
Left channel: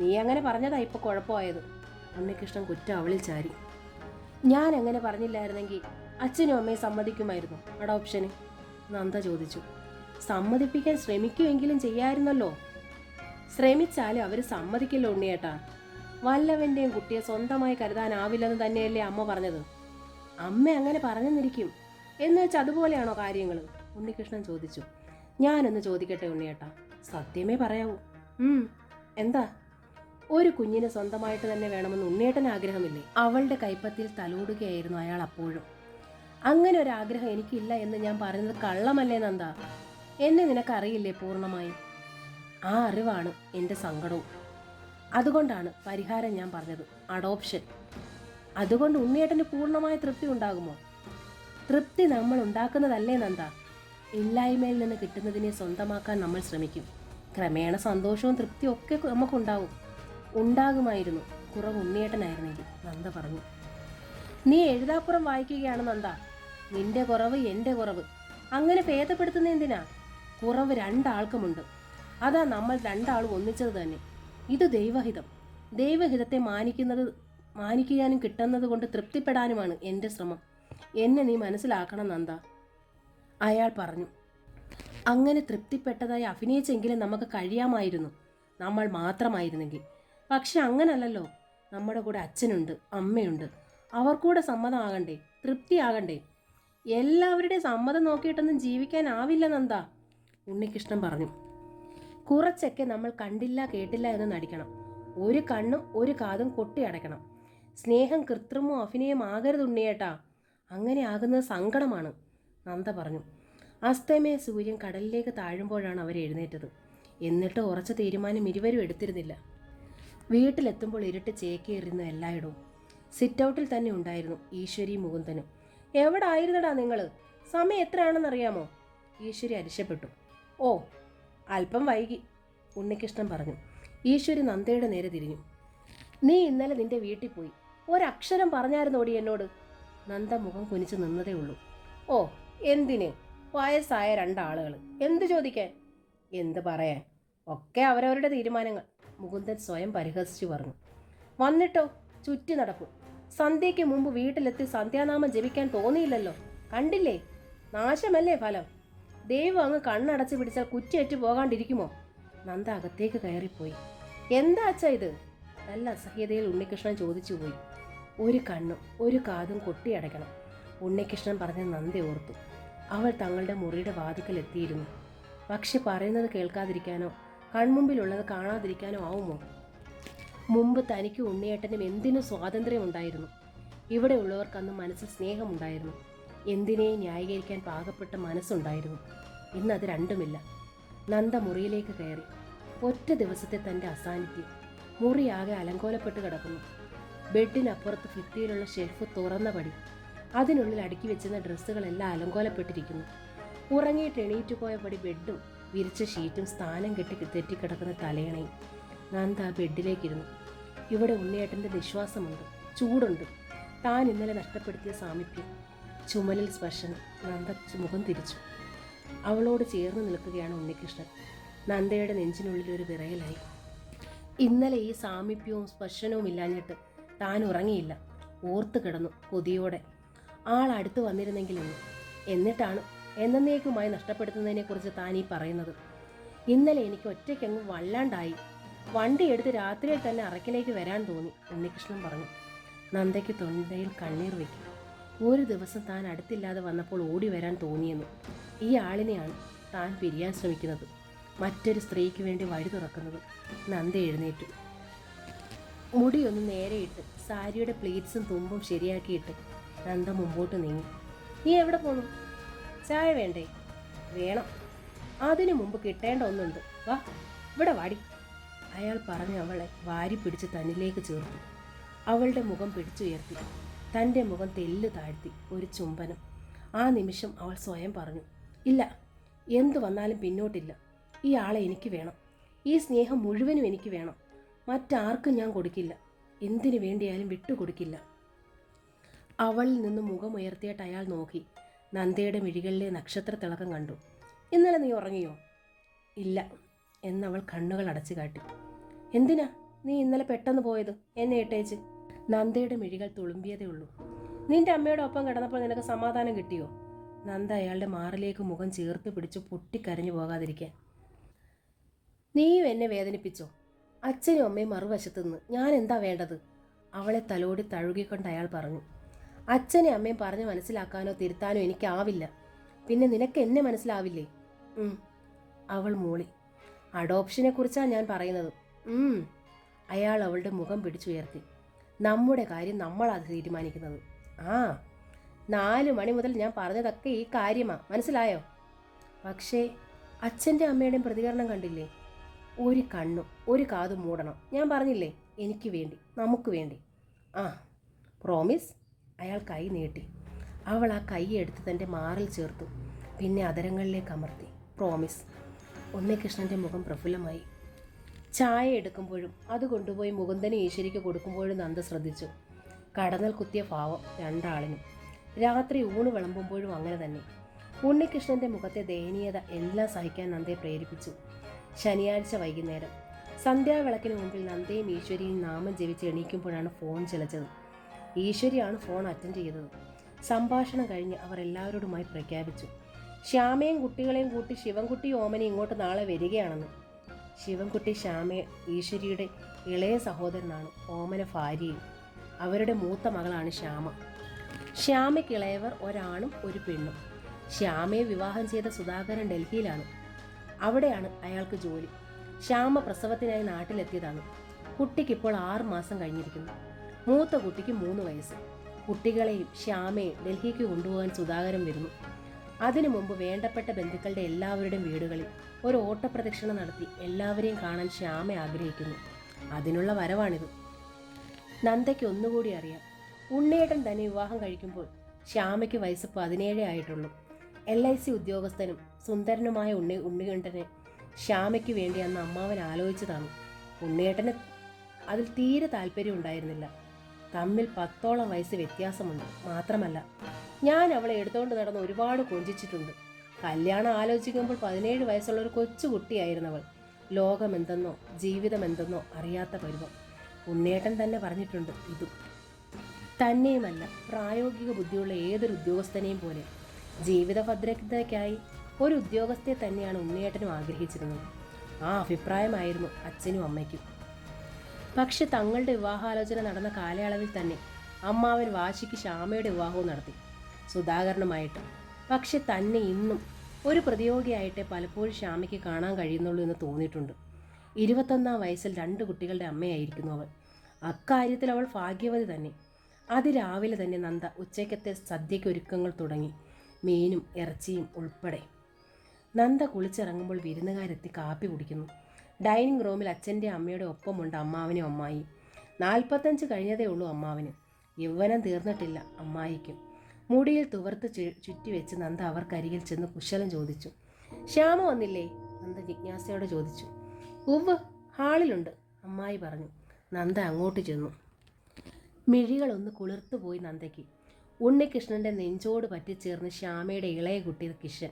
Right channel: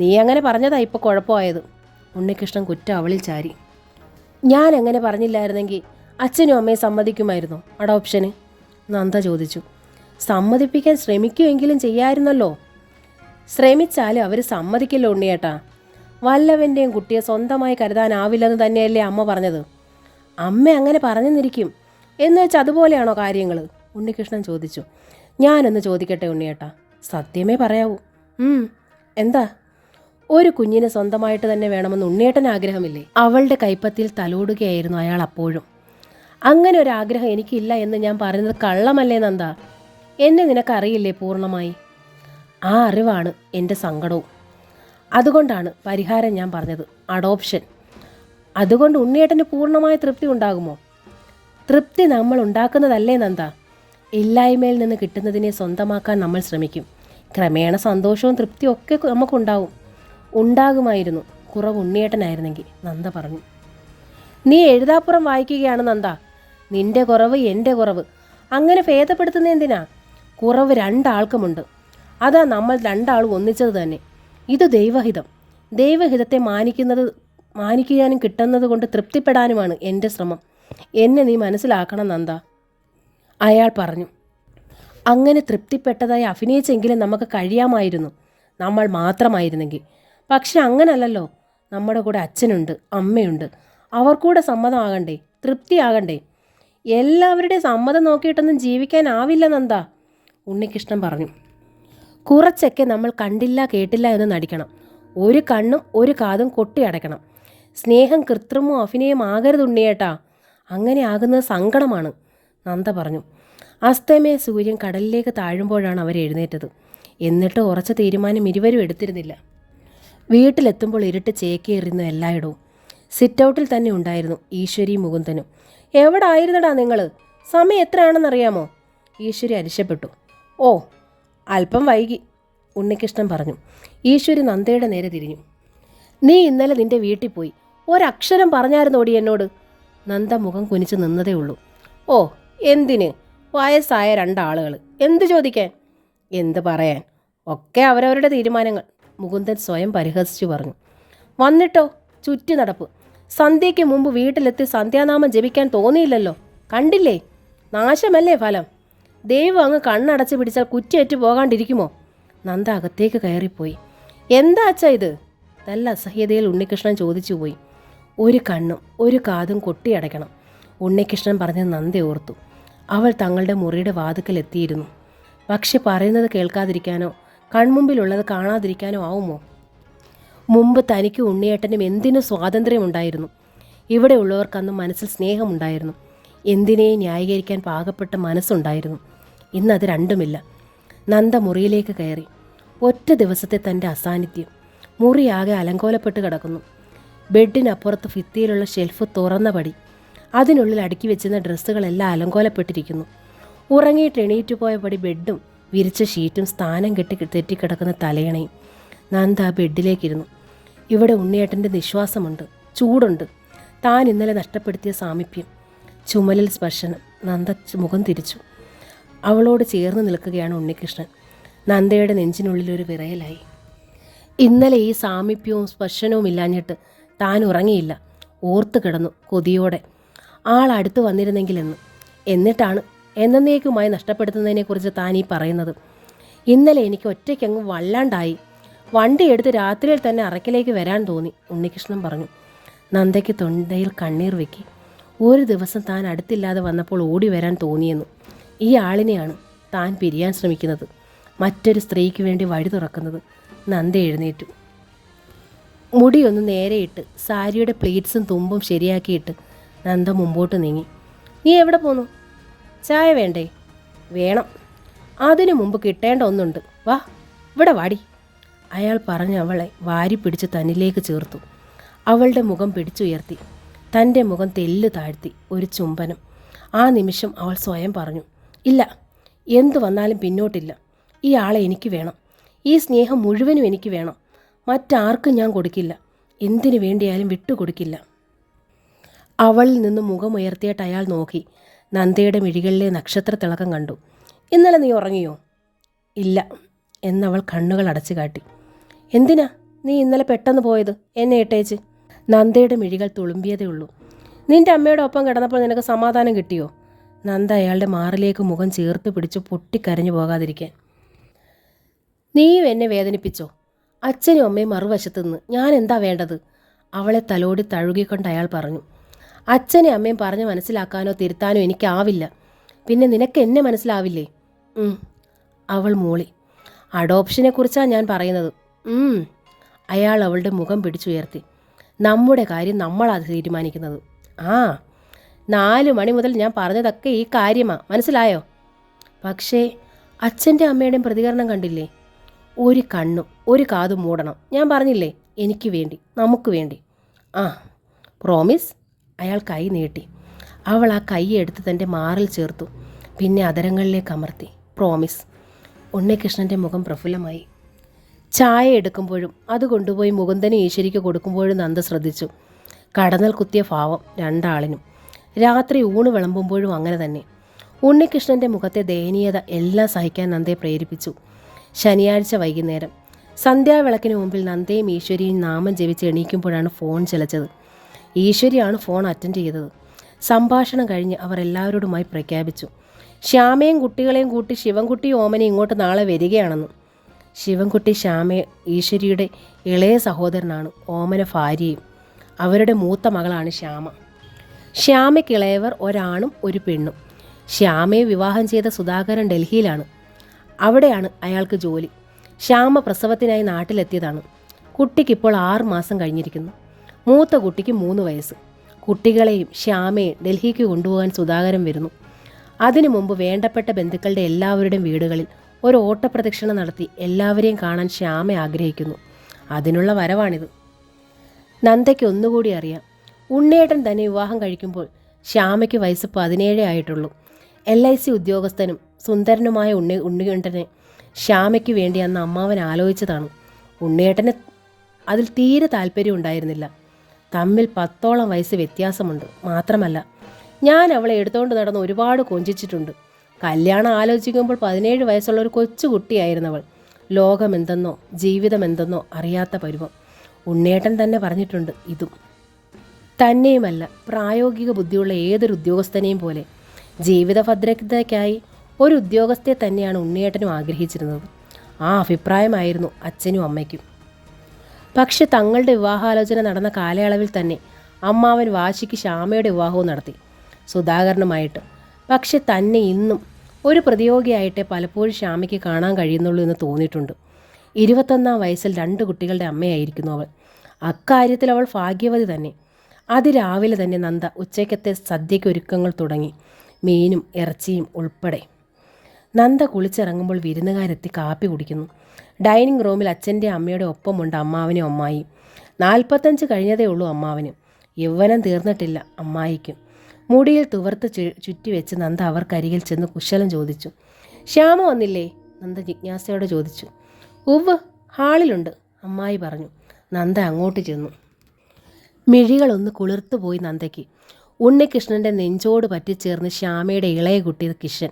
നീ അങ്ങനെ പറഞ്ഞതാ ഇപ്പോൾ കുഴപ്പമായത്. ഉണ്ണികൃഷ്ണൻ കുറ്റം അവളിൽ ചാരി. ഞാൻ എങ്ങനെ പറഞ്ഞില്ലായിരുന്നെങ്കിൽ അച്ഛനും അമ്മയും സമ്മതിക്കുമായിരുന്നു അഡോപ്ഷന്? നന്ദ ചോദിച്ചു. സമ്മതിപ്പിക്കാൻ ശ്രമിക്കുമെങ്കിലും ചെയ്യാമായിരുന്നല്ലോ. ശ്രമിച്ചാലും അവർ സമ്മതിക്കില്ല ഉണ്ണിയേട്ടാ. വല്ലവൻ്റെയും കുട്ടിയെ സ്വന്തമായി കരുതാനാവില്ലെന്ന് തന്നെയല്ലേ അമ്മ പറഞ്ഞത്. അമ്മ അങ്ങനെ പറഞ്ഞെന്നിരിക്കും. എന്ന് വെച്ചാൽ അതുപോലെയാണോ കാര്യങ്ങൾ? ഉണ്ണികൃഷ്ണൻ ചോദിച്ചു. ഞാനൊന്ന് ചോദിക്കട്ടെ ഉണ്ണിയേട്ടാ, സത്യമേ പറയാവൂ. എന്താ? ഒരു കുഞ്ഞിനെ സ്വന്തമായിട്ട് തന്നെ വേണമെന്ന് ഉണ്ണിയേട്ടന് ആഗ്രഹമില്ലേ? അവളുടെ കൈപ്പത്തിയിൽ തലോടുകയായിരുന്നു അയാൾ അപ്പോഴും. അങ്ങനെ ഒരു ആഗ്രഹം എനിക്കില്ല എന്ന് ഞാൻ പറയുന്നത് കള്ളമല്ലേ നന്ദ? എന്നെ നിനക്കറിയില്ലേ പൂർണ്ണമായി? ആ അറിവാണ് എൻ്റെ സങ്കടവും. അതുകൊണ്ടാണ് പരിഹാരം ഞാൻ പറഞ്ഞത്, അഡോപ്ഷൻ. അതുകൊണ്ട് ഉണ്ണിയേട്ടന് പൂർണ്ണമായ തൃപ്തി ഉണ്ടാകുമോ? തൃപ്തി നമ്മൾ ഉണ്ടാക്കുന്നതല്ലേ നന്ദ? ഇല്ലായ്മയിൽ നിന്ന് കിട്ടുന്നതിനെ സ്വന്തമാക്കാൻ നമ്മൾ ശ്രമിക്കും. ക്രമേണ സന്തോഷവും തൃപ്തിയും ഒക്കെ നമുക്കുണ്ടാവും. ഉണ്ടാകുമായിരുന്നു, കുറവ് ഉണ്ണിയേട്ടനായിരുന്നെങ്കിൽ, നന്ദ പറഞ്ഞു. നീ എഴുതാപ്പുറം വായിക്കുകയാണ് നന്ദ. നിന്റെ കുറവ് എൻ്റെ കുറവ്, അങ്ങനെ ഭേദപ്പെടുത്തുന്ന എന്തിനാ? കുറവ് രണ്ടാൾക്കുമുണ്ട്. അതാ നമ്മൾ രണ്ടാളും ഒന്നിച്ചത് തന്നെ. ഇത് ദൈവഹിതം. ദൈവഹിതത്തെ മാനിക്കാനും കിട്ടുന്നത് കൊണ്ട് തൃപ്തിപ്പെടാനുമാണ് എൻ്റെ ശ്രമം. എന്നെ നീ മനസ്സിലാക്കണം നന്ദ, അയാൾ പറഞ്ഞു. അങ്ങനെ തൃപ്തിപ്പെട്ടതായി അഭിനയിച്ചെങ്കിലും നമുക്ക് കഴിയാമായിരുന്നു, നമ്മൾ മാത്രമായിരുന്നെങ്കിൽ. പക്ഷെ അങ്ങനല്ലല്ലോ. നമ്മുടെ കൂടെ അച്ഛനുണ്ട്, അമ്മയുണ്ട്. അവർ കൂടെ സമ്മതമാകണ്ടേ, തൃപ്തിയാകണ്ടേ? എല്ലാവരുടെയും സമ്മതം നോക്കിയിട്ടൊന്നും ജീവിക്കാനാവില്ല നന്ദ, ഉണ്ണികൃഷ്ണൻ പറഞ്ഞു. കുറച്ചൊക്കെ നമ്മൾ കണ്ടില്ല കേട്ടില്ല എന്ന് നടിക്കണം. ഒരു കണ്ണും ഒരു കാതും കൊട്ടിയടയ്ക്കണം. സ്നേഹം കൃത്രിമോ അഭിനയം ആകരുത് ഉണ്ണിയേട്ടാ. അങ്ങനെ ആകുന്നത് സങ്കടമാണ്, നന്ദ പറഞ്ഞു. അസ്തമയ സൂര്യൻ കടലിലേക്ക് താഴുമ്പോഴാണ് അവർ എഴുന്നേറ്റത്. എന്നിട്ട് ഉറച്ച തീരുമാനം ഇരുവരും എടുത്തിരുന്നില്ല. വീട്ടിലെത്തുമ്പോൾ ഇരുട്ട് ചേക്കേറിയുന്നു എല്ലായിടവും. സിറ്റൗട്ടിൽ തന്നെ ഉണ്ടായിരുന്നു ഈശ്വരി മുകുന്ദനും. എവിടെ ആയിരുന്നടാ നിങ്ങൾ? സമയം എത്രയാണെന്നറിയാമോ? ഈശ്വരി അരിശപ്പെട്ടു. ഓ, അല്പം വൈകി, ഉണ്ണികൃഷ്ണൻ പറഞ്ഞു. ഈശ്വരി നന്ദയുടെ നേരെ തിരിഞ്ഞു. നീ ഇന്നലെ നിന്റെ വീട്ടിൽ പോയി ഒരക്ഷരം പറഞ്ഞായിരുന്നോടി എന്നോട്? നന്ദ മുഖം കുനിച്ച് നിന്നതേ ഉള്ളൂ. ഓ, എന്തിന്? വയസ്സായ രണ്ടാളുകൾ എന്ത് ചോദിക്കാൻ? എന്ത് പറയാൻ? ഒക്കെ അവരവരുടെ തീരുമാനങ്ങൾ, മുകുന്ദൻ സ്വയം പരിഹസിച്ചു പറഞ്ഞു. വന്നിട്ടോ ചുറ്റി നടപ്പ്. സന്ധ്യയ്ക്ക് മുമ്പ് വീട്ടിലെത്തി സന്ധ്യാനാമം ജപിക്കാൻ തോന്നിയില്ലല്ലോ. കണ്ടില്ലേ? നാശമല്ലേ ഫലം? ദൈവം അങ്ങ് കണ്ണടച്ച് പിടിച്ചാൽ കുറ്റിയേറ്റ് പോകാണ്ടിരിക്കുമോ? നന്ദ അകത്തേക്ക് കയറിപ്പോയി. എന്താ അച്ഛാ ഇത്? നല്ല അസഹ്യതയിൽ ഉണ്ണികൃഷ്ണൻ ചോദിച്ചു പോയി. ഒരു കണ്ണും ഒരു കാതും കൊട്ടിയടയ്ക്കണം, ഉണ്ണികൃഷ്ണൻ പറഞ്ഞ് നന്ദ ഓർത്തു. അവൾ തങ്ങളുടെ മുറിയുടെ വാതിക്കൽ എത്തിയിരുന്നു. പക്ഷെ പറയുന്നത് കേൾക്കാതിരിക്കാനോ കൺമുമ്പിലുള്ളത് കാണാതിരിക്കാനോ ആവുമോ? മുമ്പ് തനിക്കും ഉണ്ണിയേട്ടനും എന്തിനും സ്വാതന്ത്ര്യമുണ്ടായിരുന്നു. ഇവിടെ ഉള്ളവർക്കന്ന് മനസ്സിൽ സ്നേഹമുണ്ടായിരുന്നു. എന്തിനേയും ന്യായീകരിക്കാൻ പാകപ്പെട്ട മനസ്സുണ്ടായിരുന്നു. ഇന്നത് രണ്ടുമില്ല. നന്ദ മുറിയിലേക്ക് കയറി. ഒറ്റ ദിവസത്തെ തൻ്റെ അസാന്നിധ്യം. മുറിയാകെ അലങ്കോലപ്പെട്ട് കിടക്കുന്നു. ബെഡിനപ്പുറത്ത് ഭിത്തിയിലുള്ള ഷെൽഫ് തുറന്ന പടി. അതിനുള്ളിൽ അടുക്കി വെച്ചിരുന്ന ഡ്രസ്സുകളെല്ലാം അലങ്കോലപ്പെട്ടിരിക്കുന്നു. ഉറങ്ങിയിട്ട് എണീറ്റു പോയ പടി ബെഡും വിരിച്ച ഷീറ്റും സ്ഥാനം കെട്ടി തെറ്റിക്കിടക്കുന്ന തലയണയും. നന്ദ ആ ബെഡിലേക്കിരുന്നു. ഇവിടെ ഉണ്ണിയേട്ടൻ്റെ നിശ്വാസമുണ്ട്, ചൂടുണ്ട്, താൻ ഇന്നലെ നഷ്ടപ്പെടുത്തിയ സാമീപ്യം. ചുമലിൽ സ്പർശനം. നന്ദ മുഖം തിരിച്ചു. അവളോട് ചേർന്ന് നിൽക്കുകയാണ് ഉണ്ണികൃഷ്ണൻ. നന്ദയുടെ നെഞ്ചിനുള്ളിലൊരു വിറയലായി. ഇന്നലെ ഈ സാമീപ്യവും സ്പർശനവും ഇല്ലാഞ്ഞിട്ട് താൻ ഉറങ്ങിയില്ല. ഓർത്തു കിടന്നു കൊതിയോടെ, ആൾ അടുത്ത് വന്നിരുന്നെങ്കിലെന്ന്. എന്നിട്ടാണ് എന്നേക്കുമായി നഷ്ടപ്പെടുത്തുന്നതിനെക്കുറിച്ച് താൻ ഈ പറയുന്നത്. ഇന്നലെ എനിക്ക് ഒറ്റയ്ക്കങ്ങ് വല്ലാണ്ടായി. വണ്ടി എടുത്ത് രാത്രിയിൽ തന്നെ അറക്കിലേക്ക് വരാൻ തോന്നി, ഉണ്ണികൃഷ്ണൻ പറഞ്ഞു. നന്ദയ്ക്ക് തൊണ്ടയിൽ കണ്ണീർ വെക്കി. ഒരു ദിവസം താൻ അടുത്തില്ലാതെ വന്നപ്പോൾ ഓടി വരാൻ തോന്നിയെന്ന്. ഈ ആളിനെയാണ് താൻ പിരിയാൻ ശ്രമിക്കുന്നത്, മറ്റൊരു സ്ത്രീക്ക് വേണ്ടി വഴി തുറക്കുന്നത്. നന്ദ എഴുന്നേറ്റു. മുടിയൊന്ന് നേരെയിട്ട് സാരിയുടെ പ്ലീറ്റ്സും തുമ്പും ശരിയാക്കിയിട്ട് നന്ദ മുമ്പോട്ട് നീങ്ങി. നീ എവിടെ പോന്നു? ചായ വേണ്ടേ? വേണം. അതിനു മുമ്പ് കിട്ടേണ്ട ഒന്നുണ്ട്. വാ, ഇവിടെ വാടി, അയാൾ പറഞ്ഞ് അവളെ വാരി പിടിച്ച് തന്നിലേക്ക് ചേർത്തു. അവളുടെ മുഖം പിടിച്ചുയർത്തി. തൻ്റെ മുഖം തെല്ല് താഴ്ത്തി ഒരു ചുംബനം. ആ നിമിഷം അവൾ സ്വയം പറഞ്ഞു, ഇല്ല, എന്തു വന്നാലും പിന്നോട്ടില്ല. ഈ ആളെ എനിക്ക് വേണം. ഈ സ്നേഹം മുഴുവനും എനിക്ക് വേണം. മറ്റാർക്കും ഞാൻ കൊടുക്കില്ല. എന്തിനു വേണ്ടിയാലും വിട്ടുകൊടുക്കില്ല. അവളിൽ നിന്ന് മുഖമുയർത്തിയിട്ട് അയാൾ നോക്കി. നന്ദയുടെ മിഴികളിലെ നക്ഷത്ര തിളക്കം കണ്ടു. ഇന്നലെ നീ ഉറങ്ങിയോ? ഇല്ല എന്നവൾ കണ്ണുകൾ അടച്ചു കാട്ടി. എന്തിനാ നീ ഇന്നലെ പെട്ടെന്ന് പോയത് എന്നെ ഇട്ടേച്ച്? നന്ദയുടെ മിഴികൾ തുളുമ്പിയതേ ഉള്ളൂ. നിന്റെ അമ്മയുടെ ഒപ്പം കിടന്നപ്പോൾ നിനക്ക് സമാധാനം കിട്ടിയോ? നന്ദ അയാളുടെ മാറിലേക്ക് മുഖം ചേർത്ത് പിടിച്ച് പൊട്ടിക്കരഞ്ഞു പോകാതിരിക്കാൻ. നീയും എന്നെ വേദനിപ്പിച്ചോ? അച്ഛനും അമ്മയും മറുവശത്തു നിന്ന് ഞാൻ എന്താ വേണ്ടത്? അവളെ തലോടി തഴുകിക്കൊണ്ട് അയാൾ പറഞ്ഞു. അച്ഛനെ അമ്മയും പറഞ്ഞ് മനസ്സിലാക്കാനോ തിരുത്താനോ എനിക്കാവില്ല. പിന്നെ നിനക്ക് എന്നെ മനസ്സിലാവില്ലേ? അവൾ മൂളി. അഡോപ്ഷനെക്കുറിച്ചാണ് ഞാൻ പറയുന്നത്. അയാൾ അവളുടെ മുഖം പിടിച്ചുയർത്തി. നമ്മുടെ കാര്യം നമ്മളാണ് തീരുമാനിക്കുന്നത്. 4 മണി മുതൽ ഞാൻ പറഞ്ഞതൊക്കെ ഈ കാര്യമാണ്, മനസ്സിലായോ? പക്ഷേ അച്ഛൻ്റെ അമ്മയുടെയും പ്രതികരണം കണ്ടില്ലേ? ഒരു കണ്ണും ഒരു കാതും മൂടണം. ഞാൻ പറഞ്ഞില്ലേ, എനിക്ക് വേണ്ടി, നമുക്ക് വേണ്ടി. പ്രോമിസ്? അയാൾ കൈ നീട്ടി. അവൾ ആ കൈ എടുത്ത് തൻ്റെ മാറിൽ ചേർത്തു. പിന്നെ അതരങ്ങളിലേക്ക് അമർത്തി. പ്രോമിസ്. ഉണ്ണികൃഷ്ണൻ്റെ മുഖം പ്രഫുല്ലമായി. ചായ എടുക്കുമ്പോഴും അത് കൊണ്ടുപോയി മുകുന്ദനും ഈശ്വരിക്ക് കൊടുക്കുമ്പോഴും നന്ദ ശ്രദ്ധിച്ചു. കടന്നൽ കുത്തിയ ഭാവം രണ്ടാളിനും. രാത്രി ഊണ് വിളമ്പുമ്പോഴും അങ്ങനെ തന്നെ. ഉണ്ണികൃഷ്ണൻ്റെ മുഖത്തെ ദയനീയത എല്ലാം സഹിക്കാൻ നന്ദയെ പ്രേരിപ്പിച്ചു. ശനിയാഴ്ച വൈകുന്നേരം സന്ധ്യാവിളക്കിന് മുമ്പിൽ നന്ദയും ഈശ്വരിയും നാമം ജപിച്ച് എണീക്കുമ്പോഴാണ് ഫോൺ ചിലച്ചത്. ഈശ്വരിയാണ് ഫോൺ അറ്റൻഡ് ചെയ്തത്. സംഭാഷണം കഴിഞ്ഞ് അവർ എല്ലാവരോടുമായി പ്രഖ്യാപിച്ചു, ശ്യാമയും കുട്ടികളെയും കൂട്ടി ശിവൻകുട്ടി ഓമനെ ഇങ്ങോട്ട് നാളെ വരികയാണെന്ന്. ശിവൻകുട്ടി ശ്യാമ ഈശ്വരിയുടെ ഇളയ സഹോദരനാണ്. ഓമന ഭാര്യയും. അവരുടെ മൂത്ത മകളാണ് ശ്യാമ. ശ്യാമയ്ക്ക് ഇളയവർ ഒരാണും ഒരു പെണ്ണും. ശ്യാമയെ വിവാഹം ചെയ്ത സുധാകരൻ ഡൽഹിയിലാണ്. അവിടെയാണ് അയാൾക്ക് ജോലി. ശ്യാമ പ്രസവത്തിനായി നാട്ടിലെത്തിയതാണ്. കുട്ടിക്കിപ്പോൾ 6 മാസം കഴിഞ്ഞിരിക്കുന്നു. മൂത്ത കുട്ടിക്ക് 3 വയസ്സ്. കുട്ടികളെയും ശ്യാമയെ ഡൽഹിക്ക് കൊണ്ടുപോകാൻ സുധാകരൻ വരുന്നു. അതിനു മുമ്പ് വേണ്ടപ്പെട്ട ബന്ധുക്കളുടെ എല്ലാവരുടെയും വീടുകളിൽ ഒരു ഓട്ടപ്രദക്ഷിണ നടത്തി എല്ലാവരെയും കാണാൻ ശ്യാമ ആഗ്രഹിക്കുന്നു. അതിനുള്ള വരവാണിത്. നന്ദയ്ക്ക് ഒന്നുകൂടി അറിയാം. ഉണ്ണിയേട്ടൻ തന്നെ വിവാഹം കഴിക്കുമ്പോൾ ശ്യാമയ്ക്ക് വയസ്സ് 17 ആയിട്ടുള്ളൂ. LIC ഉദ്യോഗസ്ഥനും സുന്ദരനുമായ ഉണ്ണിയേട്ടനെ ശ്യാമയ്ക്ക് വേണ്ടി അന്ന് അമ്മാവൻ ആലോചിച്ചതാണ്. ഉണ്ണിയേട്ടന് അതിൽ തീരെ താല്പര്യം ഉണ്ടായിരുന്നില്ല. തമ്മിൽ 10ഓളം വയസ്സ് വ്യത്യാസമുണ്ട്. മാത്രമല്ല, ഞാൻ അവളെ എടുത്തുകൊണ്ട് നടന്ന് ഒരുപാട് കൊഞ്ചിച്ചിട്ടുണ്ട്. കല്യാണം ആലോചിക്കുമ്പോൾ 17 വയസ്സുള്ള ഒരു കൊച്ചുകുട്ടിയായിരുന്നവൾ. ലോകമെന്തെന്നോ ജീവിതം എന്തെന്നോ അറിയാത്ത പരുവം. ഉണ്ണിയേട്ടൻ തന്നെ പറഞ്ഞിട്ടുണ്ട് ഇതും. തന്നെയുമല്ല, പ്രായോഗിക ബുദ്ധിയുള്ള ഏതൊരു ഉദ്യോഗസ്ഥനെയും പോലെ ജീവിത ഭദ്രതയ്ക്കായി ഒരു ഉദ്യോഗസ്ഥയെ തന്നെയാണ് ഉണ്ണിയേട്ടനും ആഗ്രഹിച്ചിരുന്നത്. ആ അഭിപ്രായമായിരുന്നു അച്ഛനും അമ്മയ്ക്കും. പക്ഷെ തങ്ങളുടെ വിവാഹാലോചന നടന്ന കാലയളവിൽ തന്നെ അമ്മാവൻ വാശിക്ക് ശ്യാമയുടെ വിവാഹവും നടത്തി, സുധാകരനുമായിട്ട്. പക്ഷെ തന്നെ ഇന്നും ഒരു പ്രതിയോഗിയായിട്ടേ പലപ്പോഴും ശ്യാമയ്ക്ക് കാണാൻ കഴിയുന്നുള്ളൂ എന്ന് തോന്നിയിട്ടുണ്ട്. 21-ാം വയസ്സിൽ 2 കുട്ടികളുടെ അമ്മയായിരിക്കുന്നു അവൾ. അക്കാര്യത്തിൽ അവൾ ഭാഗ്യവതി തന്നെ. അതിരാവിലെ തന്നെ നന്ദ ഉച്ചയ്ക്കത്തെ സദ്യയ്ക്ക് ഒരുക്കങ്ങൾ തുടങ്ങി, മീനും ഇറച്ചിയും ഉൾപ്പെടെ. നന്ദ കുളിച്ചിറങ്ങുമ്പോൾ വിരുന്നുകാരെത്തി കാപ്പി കുടിക്കുന്നു. ഡൈനിങ് റൂമിൽ അച്ഛൻ്റെ അമ്മയുടെ ഒപ്പമുണ്ട് അമ്മാവനും അമ്മായിയും. 45 കഴിഞ്ഞതേ ഉള്ളൂ അമ്മാവന്. യൗവനം തീർന്നിട്ടില്ല അമ്മായിക്കും. മുടിയിൽ തുവർത്ത് ചുറ്റിവെച്ച് നന്ദ അവർക്കരികിൽ ചെന്ന് കുശലം ചോദിച്ചു. ശ്യാമ വന്നില്ലേ? നന്ദ ജിജ്ഞാസയോടെ ചോദിച്ചു. ഉവ്വ്, ഹാളിലുണ്ട്, അമ്മായി പറഞ്ഞു. നന്ദ അങ്ങോട്ട് ചെന്നു. മിഴികളൊന്ന് കുളിർത്തുപോയി നന്ദയ്ക്ക്. ഉണ്ണികൃഷ്ണൻ്റെ നെഞ്ചോട് പറ്റിച്ചേർന്ന് ശ്യാമയുടെ ഇളയ കുട്ടി കിഷൻ,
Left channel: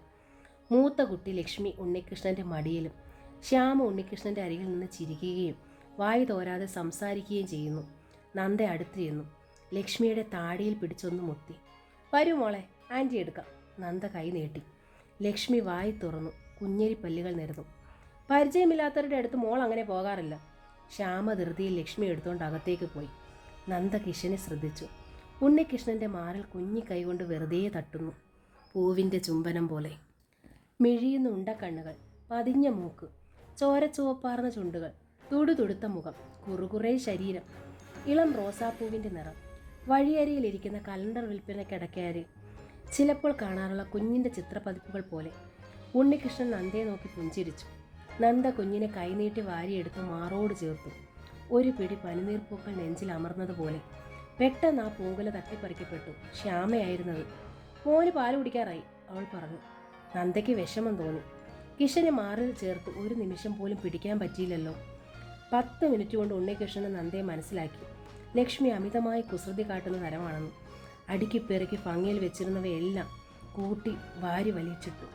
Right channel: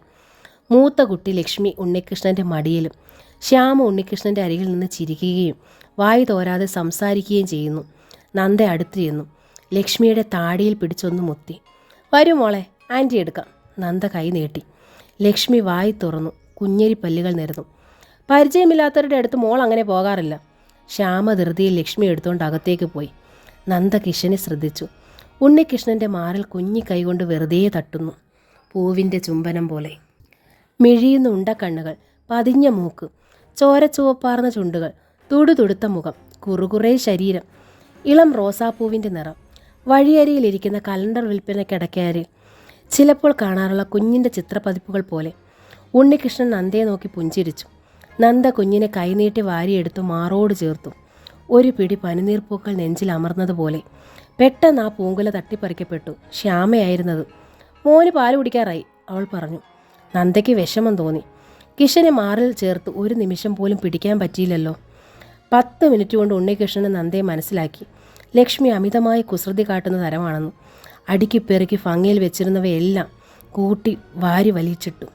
മൂത്ത കുട്ടി ലക്ഷ്മി ഉണ്ണികൃഷ്ണൻ്റെ മടിയിലും. ശ്യാമ ഉണ്ണികൃഷ്ണൻ്റെ അരികിൽ നിന്ന് ചിരിക്കുകയും വായി തോരാതെ സംസാരിക്കുകയും ചെയ്യുന്നു. നന്ദ അടുത്ത് ചെന്നു ലക്ഷ്മിയുടെ താടിയിൽ പിടിച്ചൊന്ന് മുത്തി. വരൂ മോളെ, ആൻറ്റി എടുക്കാം. നന്ദ കൈ നീട്ടി. ലക്ഷ്മി വായി തുറന്നു. കുഞ്ഞരി പല്ലുകൾ നിരന്നു. പരിചയമില്ലാത്തവരുടെ അടുത്ത് മോൾ അങ്ങനെ പോകാറില്ല. ശ്യാമ ധൃതിയിൽ ലക്ഷ്മി എടുത്തുകൊണ്ട് അകത്തേക്ക് പോയി. നന്ദ കിഷനെ ശ്രദ്ധിച്ചു. ഉണ്ണികൃഷ്ണൻ്റെ മാറിൽ കുഞ്ഞി കൈകൊണ്ട് വെറുതെ തട്ടുന്നു, പൂവിൻ്റെ ചുംബനം പോലെ. മിഴിയുന്ന ഉണ്ടക്കണ്ണുകൾ, പതിഞ്ഞ മൂക്ക്, ചോരച്ചുവപ്പാർന്ന ചുണ്ടുകൾ, തുടുതുടുത്ത മുഖം, കുറുകുറേ ശരീരം, ഇളം റോസാപ്പൂവിൻ്റെ നിറം. വഴിയരിയിലിരിക്കുന്ന കലണ്ടർ വിൽപ്പനക്കിടക്കാരിൽ ചിലപ്പോൾ കാണാറുള്ള കുഞ്ഞിൻ്റെ ചിത്രപ്പതിപ്പുകൾ പോലെ. ഉണ്ണികൃഷ്ണൻ നന്ദയെ നോക്കി പുഞ്ചിരിച്ചു. നന്ദ കുഞ്ഞിനെ കൈനീട്ടി വാരിയെടുത്തു മാറോട് ചേർത്തു. ഒരു പിടി പനിനീർപ്പൂക്കൾ നെഞ്ചിൽ അമർന്നതുപോലെ. പെട്ടെന്ന് ആ പൂങ്കുല തട്ടിപ്പറിക്കപ്പെട്ടു. ശ്യാമയായിരുന്നത്. മോന് പാല് കുടിക്കാറായി, അവൾ പറഞ്ഞു. നന്ദയ്ക്ക് വിഷമം തോന്നി. കിഷനെ മാറിൽ ചേർത്ത് ഒരു നിമിഷം പോലും പിടിക്കാൻ പറ്റിയില്ലല്ലോ. 10 മിനിറ്റ് കൊണ്ട് ഉണ്ണികൃഷ്ണന് നന്ദയെ മനസ്സിലാക്കി. ലക്ഷ്മി അമിതമായി കുസൃതി കാട്ടുന്ന തരമാണെന്ന്. അടുക്കി പെറുക്കി ഭംഗിയിൽ വെച്ചിരുന്നവയെല്ലാം കൂട്ടി വാരി വലിച്ചിട്ടു.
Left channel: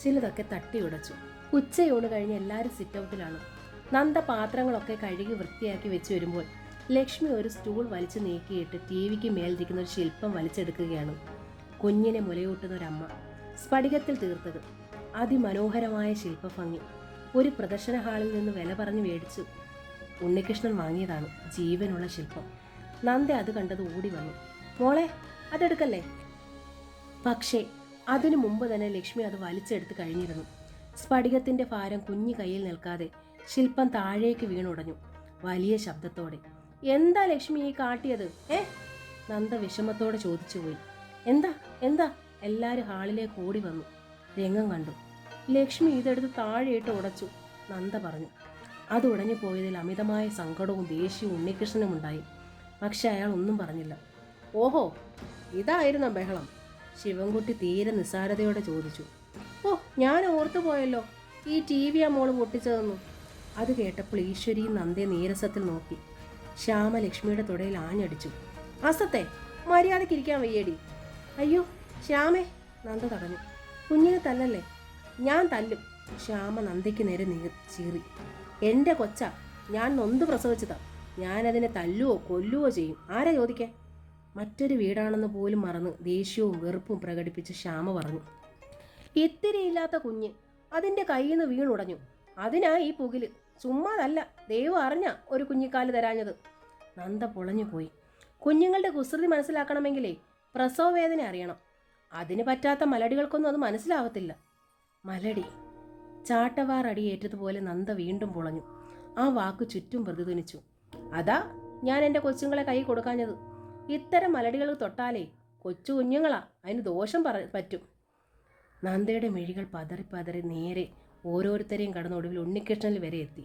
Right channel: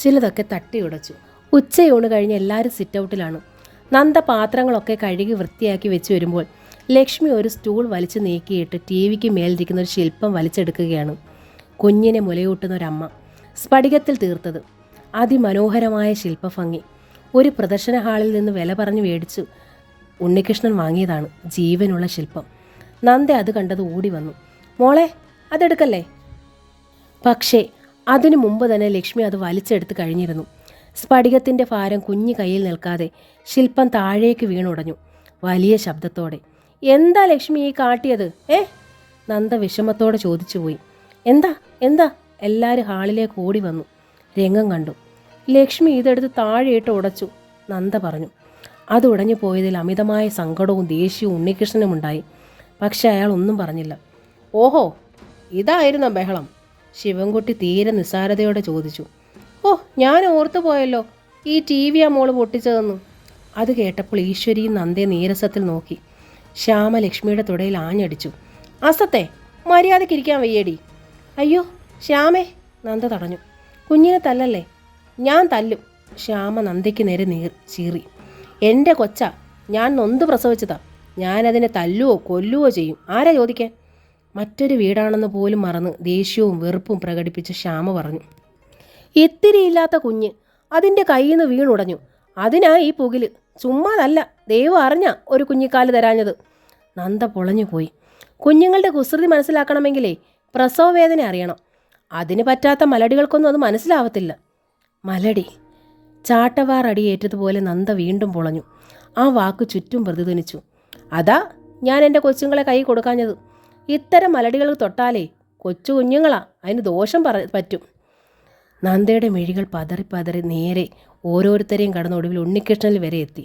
ചിലതൊക്കെ തട്ടി ഉടച്ചു. ഉച്ചയൂണ് കഴിഞ്ഞ് എല്ലാവരും സിറ്റൗട്ടിലാണ്. നന്ദ പാത്രങ്ങളൊക്കെ കഴുകി വൃത്തിയാക്കി വെച്ച് വരുമ്പോൾ ലക്ഷ്മി ഒരു സ്റ്റൂൾ വലിച്ചു നീക്കിയിട്ട് TV മേലിരിക്കുന്ന ഒരു ശില്പം വലിച്ചെടുക്കുകയാണ്. കുഞ്ഞിനെ മുലയൂട്ടുന്ന ഒരമ്മ, സ്ഫടികത്തിൽ തീർത്തത്. അതിമനോഹരമായ ശില്പഭംഗി. ഒരു പ്രദർശന ഹാളിൽ നിന്ന് വില പറഞ്ഞു മേടിച്ചു ഉണ്ണികൃഷ്ണൻ വാങ്ങിയതാണ് ജീവനുള്ള ശില്പം. നന്ദ അത് കണ്ടത് ഓടി വന്നു. മോളെ, അതെടുക്കല്ലേ. പക്ഷേ അതിനു മുമ്പ് തന്നെ ലക്ഷ്മി അത് വലിച്ചെടുത്ത് കഴിഞ്ഞിരുന്നു. സ്ഫടികത്തിൻ്റെ ഭാരം കുഞ്ഞു കയ്യിൽ നിൽക്കാതെ ശില്പം താഴേക്ക് വീണുടഞ്ഞു വലിയ ശബ്ദത്തോടെ. എന്താ ലക്ഷ്മി ഈ കാട്ടിയത്? നന്ദ വിഷമത്തോടെ ചോദിച്ചുപോയി. എന്താ എന്താ എല്ലാവരും ഹാളിലേക്ക് ഓടി വന്നു. രംഗം കണ്ടു. ലക്ഷ്മി ഇതെടുത്ത് താഴെയിട്ട് ഉടച്ചു, നന്ദ പറഞ്ഞു. അത് ഉടഞ്ഞു പോയതിൽ അമിതമായ സങ്കടവും ദേഷ്യവും ഉണ്ണികൃഷ്ണനും ഉണ്ടായി. പക്ഷെ അയാൾ ഒന്നും പറഞ്ഞില്ല. ഓഹോ, ഇതായിരുന്നോ ബഹളം? ശിവൻകുട്ടി തീരെ നിസ്സാരതയോടെ ചോദിച്ചു. ഓ, ഞാൻ ഓർത്തു പോയല്ലോ, ഈ ടി വി ആ മോള് പൊട്ടിച്ചതെന്നു. അത് കേട്ടപ്പോൾ ഈശ്വരിയും നന്ദയെ നീരസത്തിൽ നോക്കി. ശ്യാമ ലക്ഷ്മിയുടെ തുടയിൽ ആഞ്ഞടിച്ചു. അസത്തെ, മര്യാദയ്ക്കിരിക്കാൻ വയ്യേടി. അയ്യോ ശ്യാമേ, നന്ദ തടഞ്ഞു. കുഞ്ഞിനെ തല്ലല്ലേ. ഞാൻ തല്ലും. ശ്യാമ നന്ദയ്ക്ക് നേരെ ചീറി. എൻ്റെ കൊച്ച, ഞാൻ നൊന്ത് പ്രസവിച്ചതാ. ഞാനതിനെ തല്ലുവോ കൊല്ലുവോ ചെയ്യും. ആരാ ചോദിക്കാൻ? മറ്റൊരു വീടാണെന്ന് പോലും മറന്ന് ദേഷ്യവും വെറുപ്പും പ്രകടിപ്പിച്ച് ശ്യാമ പറഞ്ഞു. ഇത്തിരിയില്ലാത്ത കുഞ്ഞ് അതിൻ്റെ കയ്യിൽ നിന്ന് വീണുടഞ്ഞു. അതിനാ ഈ പുകില്. ചുമ്മാതല്ല, ദൈവം അറിഞ്ഞ ഒരു കുഞ്ഞിക്കാല് തരാഞ്ഞത്. നന്ദ പൊളഞ്ഞു പോയി. കുഞ്ഞുങ്ങളുടെ കുസൃതി മനസ്സിലാക്കണമെങ്കിലേ പ്രസവ വേദന അറിയണം. അതിന് പറ്റാത്ത മലടികൾക്കൊന്നും അത് മനസ്സിലാവത്തില്ല. മലടി. ചാട്ടവാർ അടിയേറ്റതുപോലെ നന്ദ വീണ്ടും പൊളഞ്ഞു. ആ വാക്ക് ചുറ്റും പ്രതിധ്വനിച്ചു. അതാ ഞാൻ എൻ്റെ കൊച്ചുങ്ങളെ കൈ കൊടുക്കാഞ്ഞത്. ഇത്തരം മലടികൾ തൊട്ടാലേ കൊച്ചു കുഞ്ഞുങ്ങളാ, അതിന് ദോഷം പറ്റും. നന്ദയുടെ മിഴികൾ പതറി പതറി നേരെ ഓരോരുത്തരെയും കടന്നൊടുവിൽ ഉണ്ണികൃഷ്ണനിൽ വരെ എത്തി.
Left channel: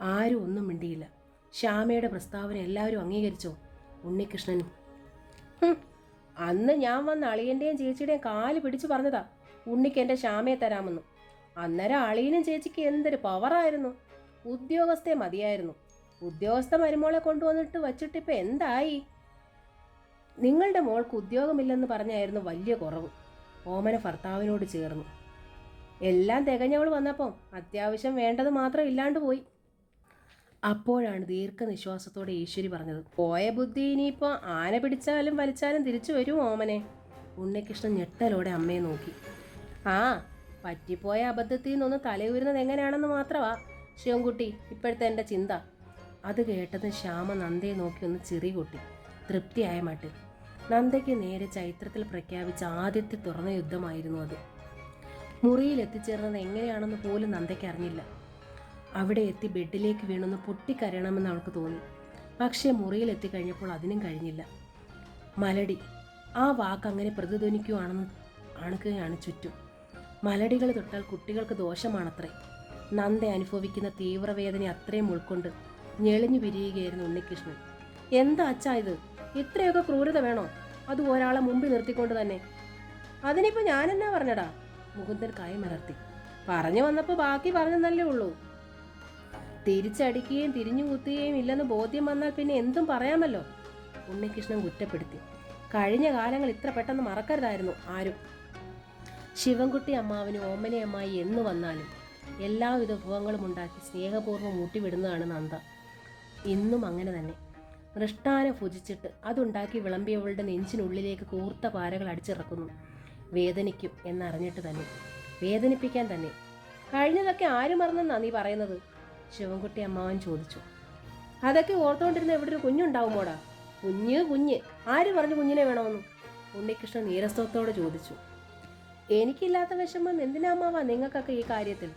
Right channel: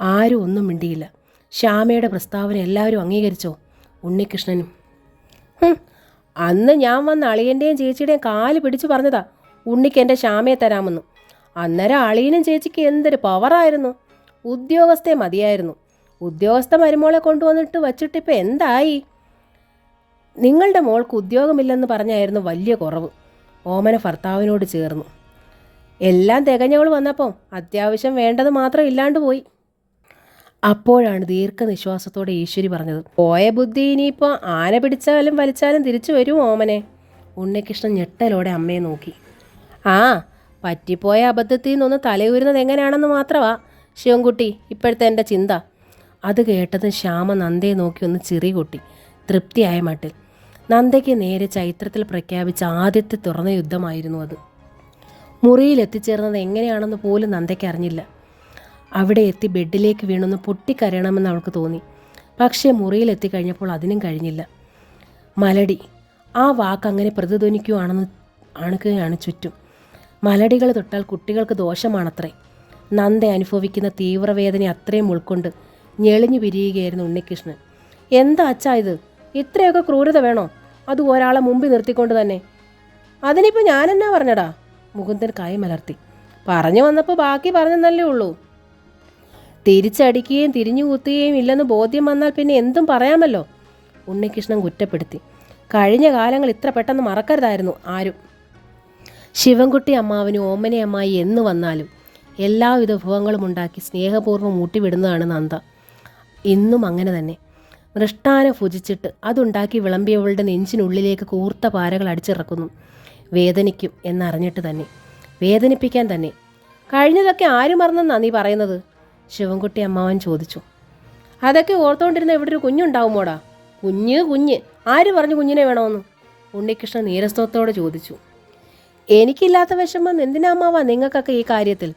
ആരും ഒന്നും മിണ്ടിയില്ല. ശ്യാമയുടെ പ്രസ്താവന എല്ലാവരും അംഗീകരിച്ചോ? ഉണ്ണികൃഷ്ണനും. അന്ന് ഞാൻ വന്ന അളിയൻ്റെയും ചേച്ചിയുടെയും കാല് പിടിച്ചു പറഞ്ഞതാ ഉണ്ണിക്ക് എൻ്റെ ശ്യാമയെ തരാമെന്ന്. അന്നേരം അളിയനും ചേച്ചിക്ക് എന്തൊരു പവറായിരുന്നു. ഉദ്യോഗസ്ഥയെ മതിയായിരുന്നു. ഉദ്യോഗസ്ഥ മരുമോളെ കൊണ്ടുവന്നിട്ട് വച്ചിട്ടിപ്പോൾ എന്തായി? നിങ്ങളുടെ മോൾക്ക് ഉദ്യോഗമില്ലെന്ന് പറഞ്ഞായിരുന്നു വലിയ കുറവ്. ഓമന ഭർത്താവിനോട് ചേർന്നു. എല്ലാം തികഞ്ഞവൾ വന്നപ്പോൾ അത്യാവശ്യം വേണ്ടത് മാത്രം ഇല്ലാണ്ട് പോയി. അപ്പോഴാണ് ദീർഘനിശ്വാസത്തോടെ ഈശ്വരി പറഞ്ഞത്. പോയ ബുദ്ധി ഇനിയിപ്പോൾ ആന പിടിച്ചാലും വലിച്ചാലും തിരിച്ചു വരും ഓമനെ. ഉണ്ണികൃഷ്ണൻ ഞെട്ടലോടെ അമ്മയെ നോക്കി. ആ, പറ്റിപ്പോയ അബദ്ധത്തിൽ നിന്നൊന്ന് തലയുരുന്നത് എങ്ങനെയാണെന്ന് മാത്രമാ ശിവൻകുട്ടി ഇപ്പോഴത്തെ എൻ്റെ ചിന്ത. അത് കേട്ടത് ശ്യാമ നന്ദയെ നോക്കി ഒന്ന് ചിറി കൊട്ടി തൃപ്തിയായ മട്ടിൽ. നന്ദയ്ക്ക് നേരെ ചൈത്രത്തിൽ പ്രഖ്യാപിച്ച ആദ്യത്തെ തുറന്ന യുദ്ധമായിരുന്നു അത്. മുറിയിൽ എത്തിച്ചേർന്നത് എങ്ങനെയാണെന്ന് പോലും നന്ദയ്ക്ക് അറിഞ്ഞില്ല. അവിടെ എത്തി ബെഡിലേക്ക് വീണൊന്ന് പൊട്ടിക്കരയണമെന്ന് അവൾക്ക് തോന്നി. പക്ഷേ മുറിയിൽ എത്തിക്കഴിഞ്ഞപ്പോൾ അതിനും കഴിഞ്ഞില്ല. മലടി. ആ വാക്ക് അങ്ങനെ പ്രതിധ്വനിക്കുകയാണെന്ന് ആണുകയാണ് ചുറ്റും. മലടികൾ തൊട്ടാൽ കുട്ടികൾക്ക് ദോഷമാണത്രേ. നന്ദ അനുഭവിക്കുന്ന തീവ്രവേദന അത്രയും ഉൾക്കൊണ്ട് ഞെളിഞ്ഞു പിരിയുകയായിരുന്നു ഉണ്ണികൃഷ്ണൻ. എന്താ അച്ഛാ ഇത്? ഇത്രയൊക്കെ ക്രൂരത വേണോ? അത് ഒരാളെ മുമ്പിൽ നിർത്തിക്കൊണ്ട് തന്നെ. അതിനിപ്പോൾ ഞാനെന്നാ പറഞ്ഞടാ? മുകുന്ദൻ കൈ മലർത്തി. പറഞ്ഞു വന്നപ്പോൾ ബാക്കി പറഞ്ഞെന്നല്ലേ ഉള്ളൂ. തിരിച്ചടിക്കുകയും തിരിഞ്ഞു കുത്തുകയും ഇല്ലെന്ന് ബോധ്യം വന്നാൽ പിന്നെ എന്തും പറയാമല്ലോ. ഉണ്ണികൃഷ്ണൻ കുറ്റപ്പെടുത്തി. കഴിഞ്ഞ കാലങ്ങൾ ഇത്ര പെട്ടെന്ന് മറക്കരുതായിരുന്നു ആരും. ശിവൻകുട്ടി അമ്മാവനും ഓമനയമ്മായി എന്ന് വന്നാലും എല്ലാവിധ വിഭവങ്ങളും ഉണ്ടാക്കി സ്നേഹപൂർവ്വം ഊട്ടിവിടുന്നതാണ് നന്ദ. ഇന്നും അങ്ങനെ തന്നെ. മൃഷ്ടാനം ഭുജിച്ചിട്ട് അതുണ്ടാക്കി വിളമ്പിയവളുടെ നെഞ്ചിനുള്ളിലേക്ക് കൂർത്ത പാരകൾ അടിച്ചിറക്കുന്നു. വേദനിക്കും എന്നറിഞ്ഞിട്ട് തന്നെ, വേദനിപ്പിക്കാൻ തന്നെ. കഴിഞ്ഞതൊക്കെ ആര് മറന്നെന്നാ നീ പറയുന്നത്? ശിവൻകുട്ടി അമ്മാവൻ ചോദിച്ചു. അതൊക്കെ ഓർത്തുകൊണ്ടിരുന്ന ഇവിടെ ഒരു കുഞ്ഞുണ്ടാവുമോടാ? കുഞ്ഞ് ആര് പറഞ്ഞു കുഞ്ഞിനെ വേണമെന്ന്? ഉണ്ണികൃഷ്ണൻ നീരസത്തോടെ ചോദിച്ചു. എനിക്കില്ലാത്ത വിഷമം എന്തിനാ അമ്മാവാ നിങ്ങൾക്കൊക്കെ ഈ കാര്യത്തിൽ?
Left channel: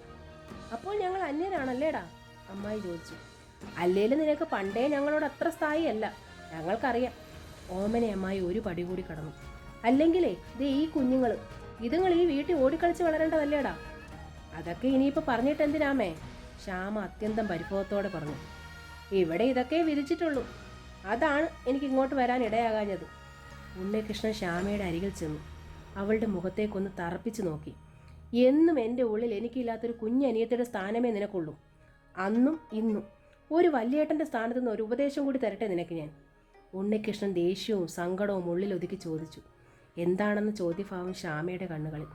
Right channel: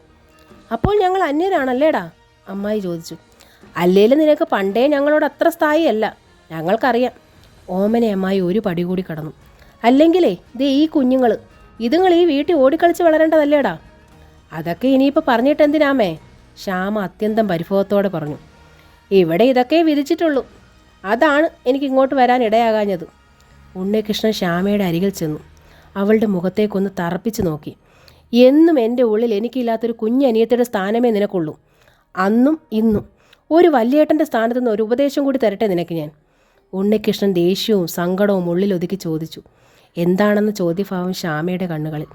അപ്പോൾ ഞങ്ങൾ അന്യരാണല്ലേടാ? അമ്മായി ചോദിച്ചു. അല്ലേലും നിനക്ക് പണ്ടേ ഞങ്ങളോട് അത്ര സ്ഥായിയല്ല, ഞങ്ങൾക്കറിയാം. ഓമന അമ്മായി ഒരു പടി കൂടി കടന്നു. അല്ലെങ്കിലേ ദേ ഈ കുഞ്ഞുങ്ങൾ, ഇതുങ്ങൾ ഈ വീട്ടിൽ ഓടിക്കളിച്ച് വളരേണ്ടതല്ലേടാ? അതൊക്കെ ഇനിയിപ്പോൾ പറഞ്ഞിട്ട് എന്തിനാമേ? ശ്യാമ അത്യന്തം പരിഭവത്തോടെ പറഞ്ഞു. ഇവിടെ ഇതൊക്കെ വിധിച്ചിട്ടുള്ളൂ, അതാണ് എനിക്ക് ഇങ്ങോട്ട് വരാൻ ഇടയാകാഞ്ഞത്. ഉണ്ണികൃഷ്ണൻ ശ്യാമയുടെ അരികിൽ ചെന്നു അവളുടെ മുഖത്തേക്കൊന്ന് തറപ്പിച്ച് നോക്കി. എന്നും എൻ്റെ ഉള്ളിൽ എനിക്കില്ലാത്തൊരു കുഞ്ഞനിയത്തിയുടെ സ്ഥാനമേ നിനക്കുള്ളൂ. അന്നും ഇന്നും ഒരു വല്യേട്ടൻ്റെ സ്ഥാനത്ത് നിന്ന് ഒരു ഉപദേശം കൂടി തരട്ടെ നിനക്ക് ഞാൻ. ഉണ്ണികൃഷ്ണൻ ദേഷ്യവും സങ്കടവും ഉള്ളിലൊതുക്കി ചോദിച്ചു. എന്താണെന്ന് ചോദ്യഭാവം ശ്യാമയുടെ കണ്ണുകളിൽ.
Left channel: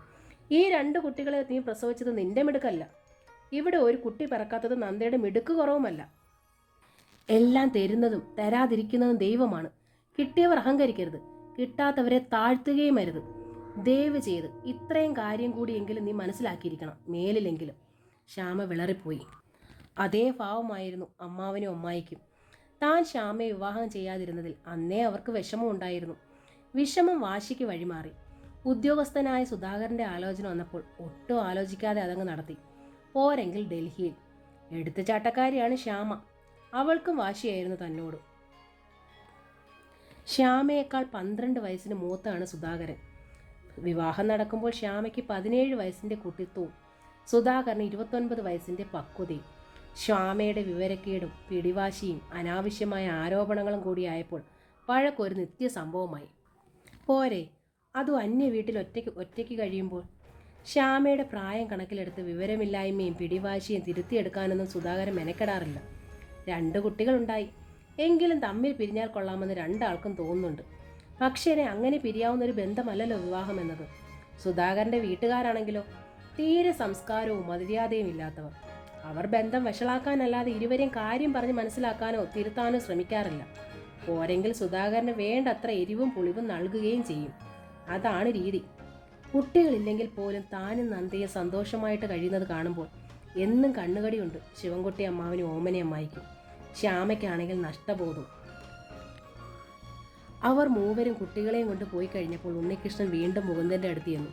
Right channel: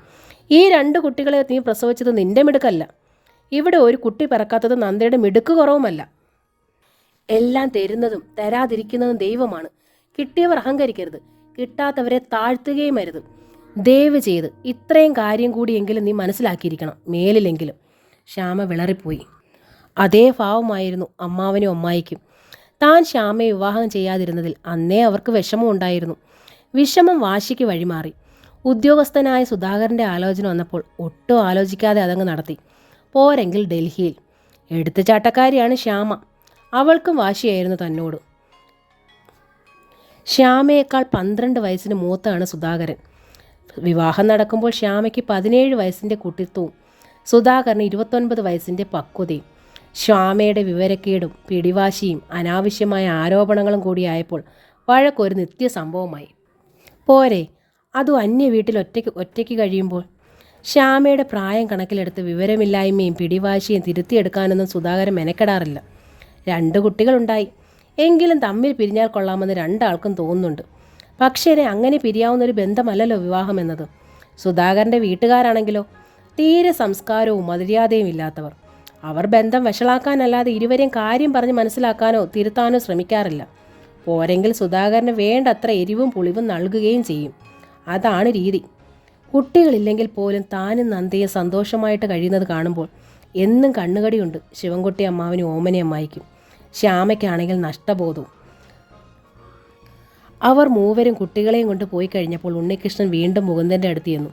ഈ 2 കുട്ടികളെ നീ പ്രസവിച്ചത് നിന്റെ മിടുക്കല്ല. ഇവിടെ ഒരു കുട്ടി പിറക്കാത്തത് നന്ദയുടെ മിടുക്ക് കുറവുമല്ല. എല്ലാം തരുന്നതും തരാതിരിക്കുന്നതും ദൈവമാണ്. കിട്ടിയവർ അഹങ്കരിക്കരുത്, കിട്ടാത്തവരെ താഴ്ത്തുകയും അരുത്. ദയവ് ചെയ്ത് ഇത്രയും കാര്യം കൂടിയെങ്കിലും നീ മനസ്സിലാക്കിയിരിക്കണം, മേലിലെങ്കിലും. ശ്യാമ വിളറിപ്പോയി. അതേ ഭാവമായിരുന്നു അമ്മാവനും അമ്മായിക്കും. താൻ ശ്യാമയെ വിവാഹം ചെയ്യാതിരുന്നതിൽ അന്നേ അവർക്ക് വിഷമമുണ്ടായിരുന്നു. വിഷമം വാശിക്ക് വഴിമാറി. ഉദ്യോഗസ്ഥനായ സുധാകരൻ്റെ ആലോചന വന്നപ്പോൾ ഒട്ടും ആലോചിക്കാതെ അതങ്ങ് നടത്തി. പോരെങ്കിൽ ഡൽഹിയിൽ. എടുത്തുചാട്ടക്കാരിയാണ് ശ്യാമ. അവൾക്കും വാശിയായിരുന്നു തന്നോട്. ശ്യാമയേക്കാൾ 12 വയസ്സിന് മൂത്താണ് സുധാകരൻ. വിവാഹം നടക്കുമ്പോൾ ശ്യാമയ്ക്ക് 17 വയസ്സിൻ്റെ കുട്ടിത്വവും സുധാകരന് 29 വയസ്സിൻ്റെ പക്വതയും. ശ്യാമയുടെ വിവരക്കേടും പിടിവാശിയും അനാവശ്യമായ ആരോപണങ്ങളും കൂടിയായപ്പോൾ വഴക്കൊരു നിത്യസംഭവമായി. പോരെ, അതും അന്യ വീട്ടിൽ ഒറ്റയ്ക്ക് കഴിയുമ്പോൾ. ശ്യാമയുടെ പ്രായം കണക്കിലെടുത്ത് വിവരമില്ലായ്മയും പിടിവാശിയും തിരുത്തിയെടുക്കാനൊന്നും സുധാകരൻ മെനക്കെടാറില്ല. 2 കുട്ടികളുണ്ടായി. എങ്കിലും തമ്മിൽ പിരിഞ്ഞാൽ കൊള്ളാമെന്ന് രണ്ടാൾക്കും തോന്നുന്നുണ്ട്. പക്ഷേ അങ്ങനെ പിരിയാവുന്നൊരു ബന്ധമല്ലല്ലോ വിവാഹം എന്നത്. സുധാകരൻ്റെ വീട്ടുകാരാണെങ്കിലോ തീരെ സംസ്കാരവും മര്യാദയും ഇല്ലാത്തവർ. അവർ ബന്ധം വഷളാക്കാനല്ലാതെ ഇരുവരെയും കാര്യം പറഞ്ഞ് മനസ്സിലാക്കാനോ തിരുത്താനോ ശ്രമിക്കാറില്ല. പോരെങ്കിൽ സുധാകരന് വേണ്ടത്ര എരിവും പുളിവും നൽകുകയും ചെയ്യും. അതാണ് രീതി. കുട്ടികളില്ലെങ്കിൽ പോലും താനും നന്ദയെ സന്തോഷമായിട്ട് കഴിയുന്നത് കാണുമ്പോൾ എന്നും കണ്ണുകടിയുണ്ട് ശിവൻകുട്ടി അമ്മാവനും ഓമനയമ്മായിക്കും. ശ്യാമയ്ക്കാണെങ്കിൽ നഷ്ടബോധവും. അവർ മൂവരും കുട്ടികളെയും കൊണ്ട് പോയി കഴിഞ്ഞപ്പോൾ ഉണ്ണികൃഷ്ണൻ വീണ്ടും മുകുന്ദൻ്റെ അടുത്ത് ചെന്നു.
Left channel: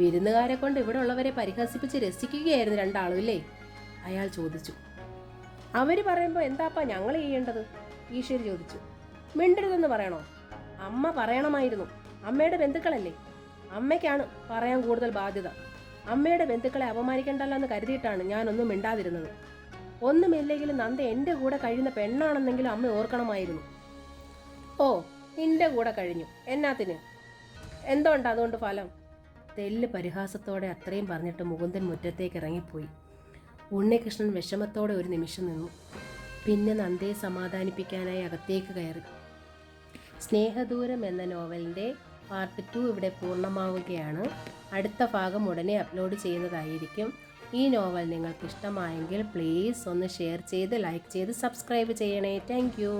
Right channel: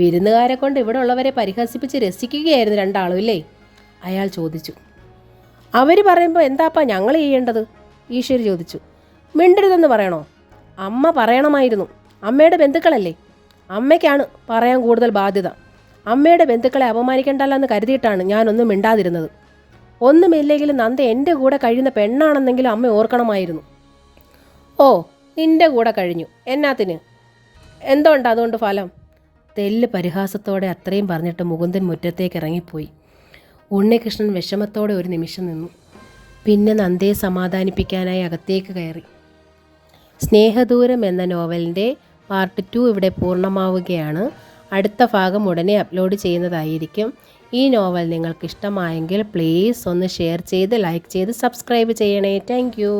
വിരുന്നുകാരെ കൊണ്ട് ഇവിടെ ഉള്ളവരെ പരിഹസിപ്പിച്ച് രസിക്കുകയായിരുന്നു രണ്ടാളും ഇല്ലേ? അയാൾ ചോദിച്ചു. അവർ പറയുമ്പോൾ എന്താപ്പാ ഞങ്ങൾ ചെയ്യേണ്ടത്? ഈശ്വരി ചോദിച്ചു. മിണ്ടരുതെന്ന് പറയണോ? അമ്മ പറയണമായിരുന്നു. അമ്മയുടെ ബന്ധുക്കളല്ലേ. അമ്മയ്ക്കാണ് പറയാൻ കൂടുതൽ ബാധ്യത. അമ്മയുടെ ബന്ധുക്കളെ അപമാനിക്കണ്ടല്ലോ എന്ന് കരുതിയിട്ടാണ് ഞാനൊന്നും മിണ്ടാതിരുന്നത്. ഒന്നുമില്ലെങ്കിലും നന്ദ എൻ്റെ കൂടെ കഴിയുന്ന പെണ്ണാണെന്നെങ്കിലും അമ്മ ഓർക്കണമായിരുന്നു. ഓ, നിൻ്റെ കൂടെ കഴിഞ്ഞു. എന്നാത്തിന്? എന്തുണ്ട് അതുകൊണ്ട് ഫലം? തെല്ല് പരിഹാസത്തോടെ അത്രയും പറഞ്ഞിട്ട് മുകുന്ദൻ മുറ്റത്തേക്ക് ഇറങ്ങിപ്പോയി. ഉണ്ണികൃഷ്ണൻ വിഷമത്തോടെ ഒരു നിമിഷം നിന്നു. പിന്നെ നന്ദയെ സമാധാനിപ്പിക്കാനായി അകത്തേക്ക് കയറി. സ്നേഹദൂരം എന്ന നോവലിൻ്റെ പാർട്ട് 2 ഇവിടെ പൂർണ്ണമാവുകയാണ്. അടുത്ത ഭാഗം ഉടനെ അപ്ലോഡ് ചെയ്യുന്നതായിരിക്കും. ഈ നോവൽ നിങ്ങൾക്ക് ഇഷ്ടമായെങ്കിൽ പ്ലീസ് ഒന്ന് ഷെയർ ചെയ്ത് ലൈക്ക് ചെയ്ത് സബ്സ്ക്രൈബ് ചെയ്യണേ. Thank you.